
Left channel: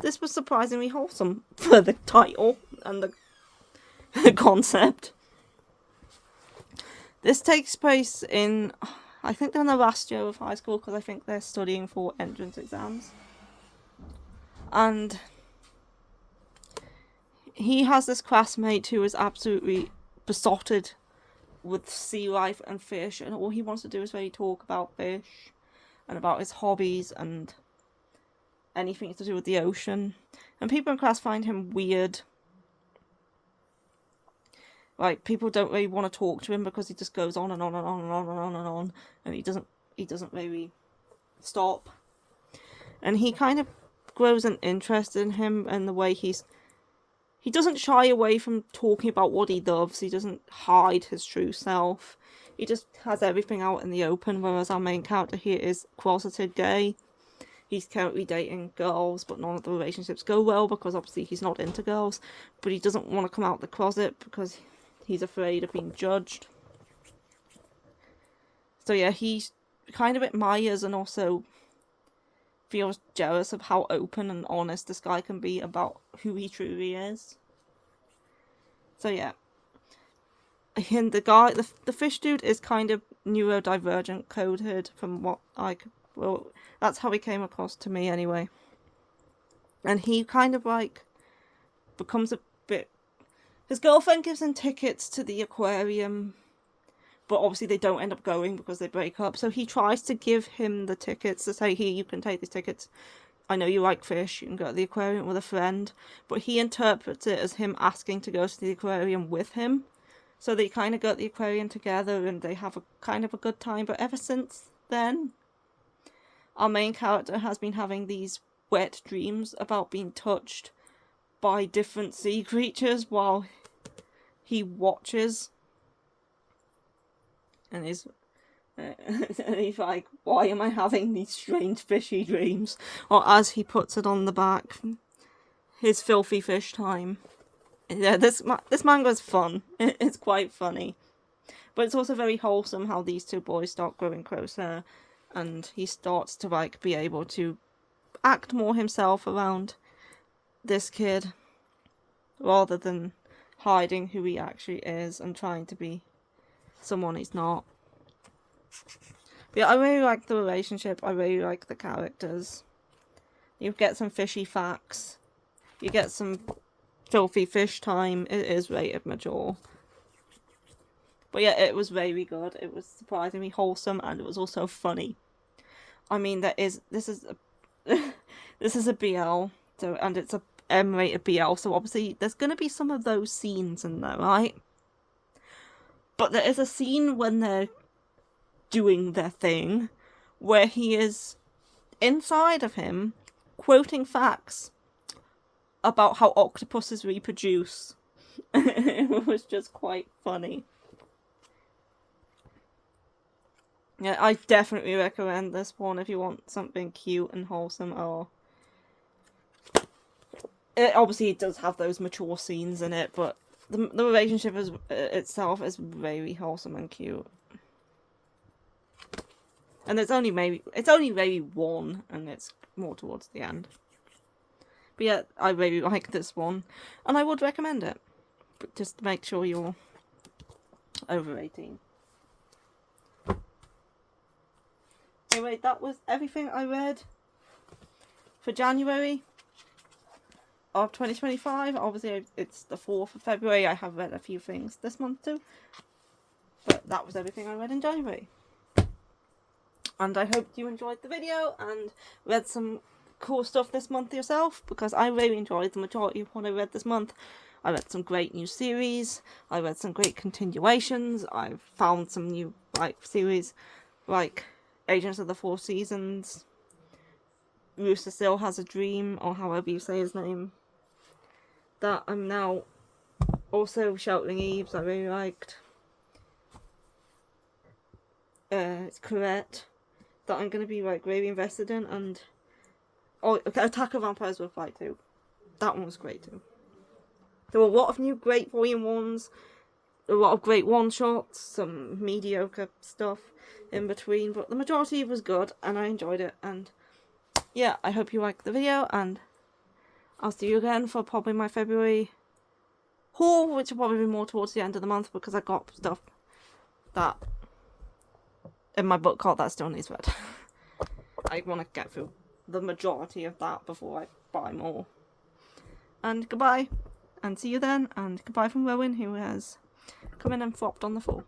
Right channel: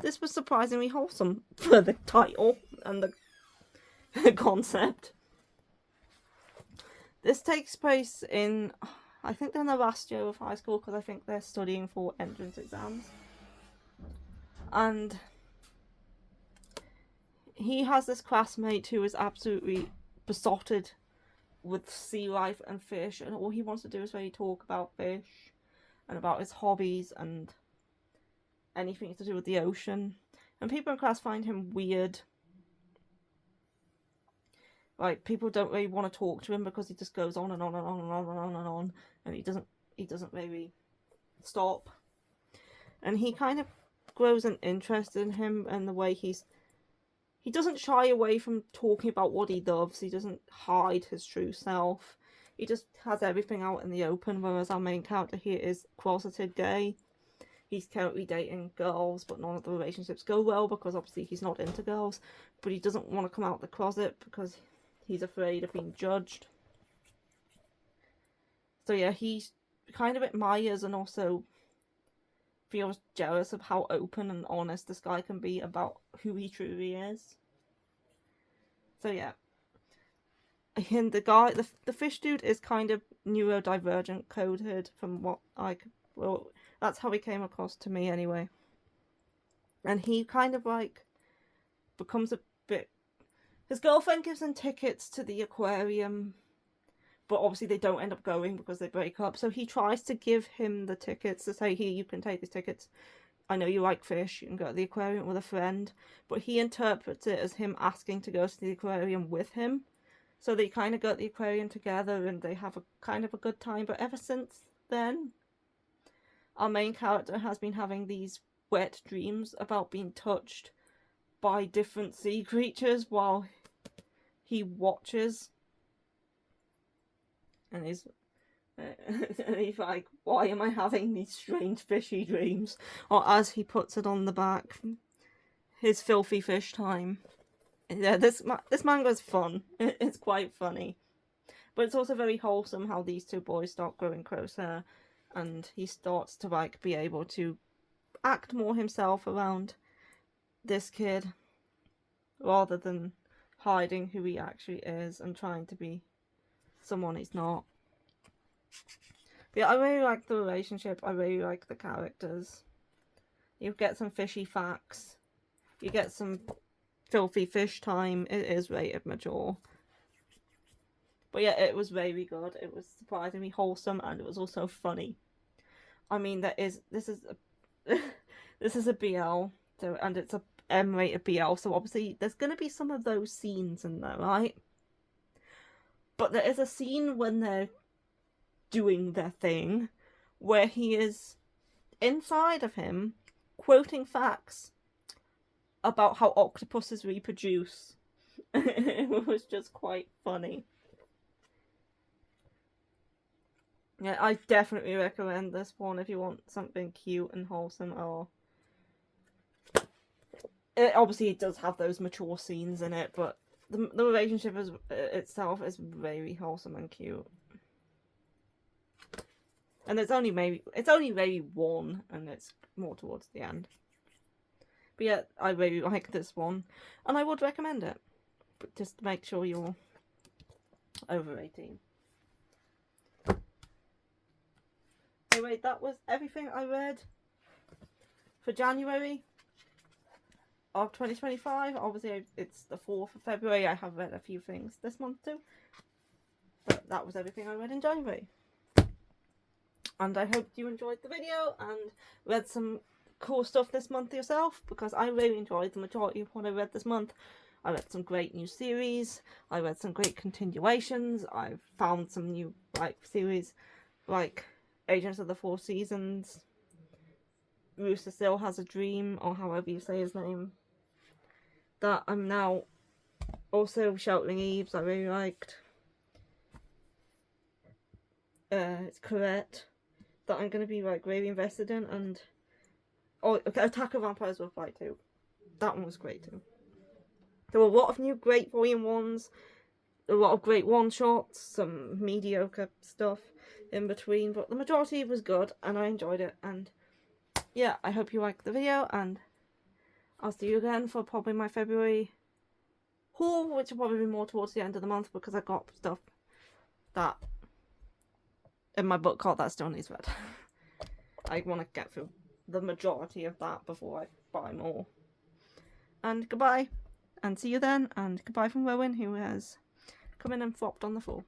This was surprisingly wholesome for the title and the concept. This takes place in, I think they're in the last year of high school, because I think they're studying for entrance exams. And he has this classmate who is absolutely besotted with sea life and fish, and all he wants to do is really talk about fish and about his hobbies and anything to do with the ocean. And people in class find him weird. Like, people don't really want to talk to him because he just goes on and on and on and on and on and on, and he doesn't really stop. And he kind of grows an interest in him and the way he doesn't shy away from talking about what he loves. He doesn't hide his true self. He just has everything out in the open, whereas our main character here is closeted gay. He's currently dating girls, but none of the relationships go well because obviously he's not into girls. But he doesn't want to come out of the closet because he's afraid of being judged. So yeah, he kind of admires and also feels jealous of how open and honest this guy can be about who he truly is. So yeah. And the fish dude is kind of neurodivergent coded from what that's how he came across to me anyway. And he kind of like becomes a bit, his girlfriend gives him tickets to the aquarium, but obviously they don't end up going because they break up. So he tries to give him the tickets to say, here, you can take these tickets. I know you like fish, you can go to the aquarium with a friend. But he interprets it as him asking to go to the aquarium with him. So they kind of go to the aquarium together and they have a kind of a good time. But ever since then, our main character has been having these wet dreams about being touched by different sea creatures while he watches. And he's like, why am I having these strange fishy dreams? Or as he puts it on the back, his filthy fish time. Yeah, this manga is fun. It's quite funny. But it's also very wholesome how these two boys start growing closer. And he starts to like be able to act more himself around this kid. Rather than hiding who he actually is and trying to be someone he's not. But yeah, I really like the relationship. I really like the characters. You get some fishy facts. You get some filthy fish time. It is rated mature. But yeah, it was very good. It was surprisingly wholesome and it was also funny. I mean, this is a BL, so, and it's a M-rated BL, so obviously there's going to be some of those scenes in there, right? But there is a scene when they're doing their thing where he is inside of him quoting facts about how octopuses reproduce. It was just quite funny. Yeah, I definitely recommend this one if you want something cute and wholesome. Or it does have those mature scenes in it, but the relationship itself is very wholesome and cute. And it's only maybe one, and it's more towards the end. But yeah, I really like this one, and I would recommend it. But just make sure you're over 18. Anyway, that was everything I read for January of 2025. Obviously, it's the 4th of February. I have read a few things this month too. But that was everything I read in January. And I hope you enjoyed the video and read some cool stuff this month yourself, because I really enjoyed the majority of what I read this month. I read some great new series. I read some great continuations. I've found some new series like Agents of the Four Seasons, Rooster Still Has a Dream, or however you say his name, that I'm now also Sheltering Eves I really liked. It's Correct, that I'm going to be really invested in, and Oh, Attack of Vampires Will Fight too. That one was great too. There were a lot of new great volume ones, a lot of great one-shots, some mediocre stuff in between, but the majority was good, and I enjoyed it, and yeah, I hope you liked the video, and I'll see you again for probably my February haul, which will probably be more towards the end of the month, because I got stuff that in my book cart that still needs read. I want to get through the majority of that before I buy more. And goodbye, and see you then, and goodbye from Rowan, who has come in and flopped on the floor.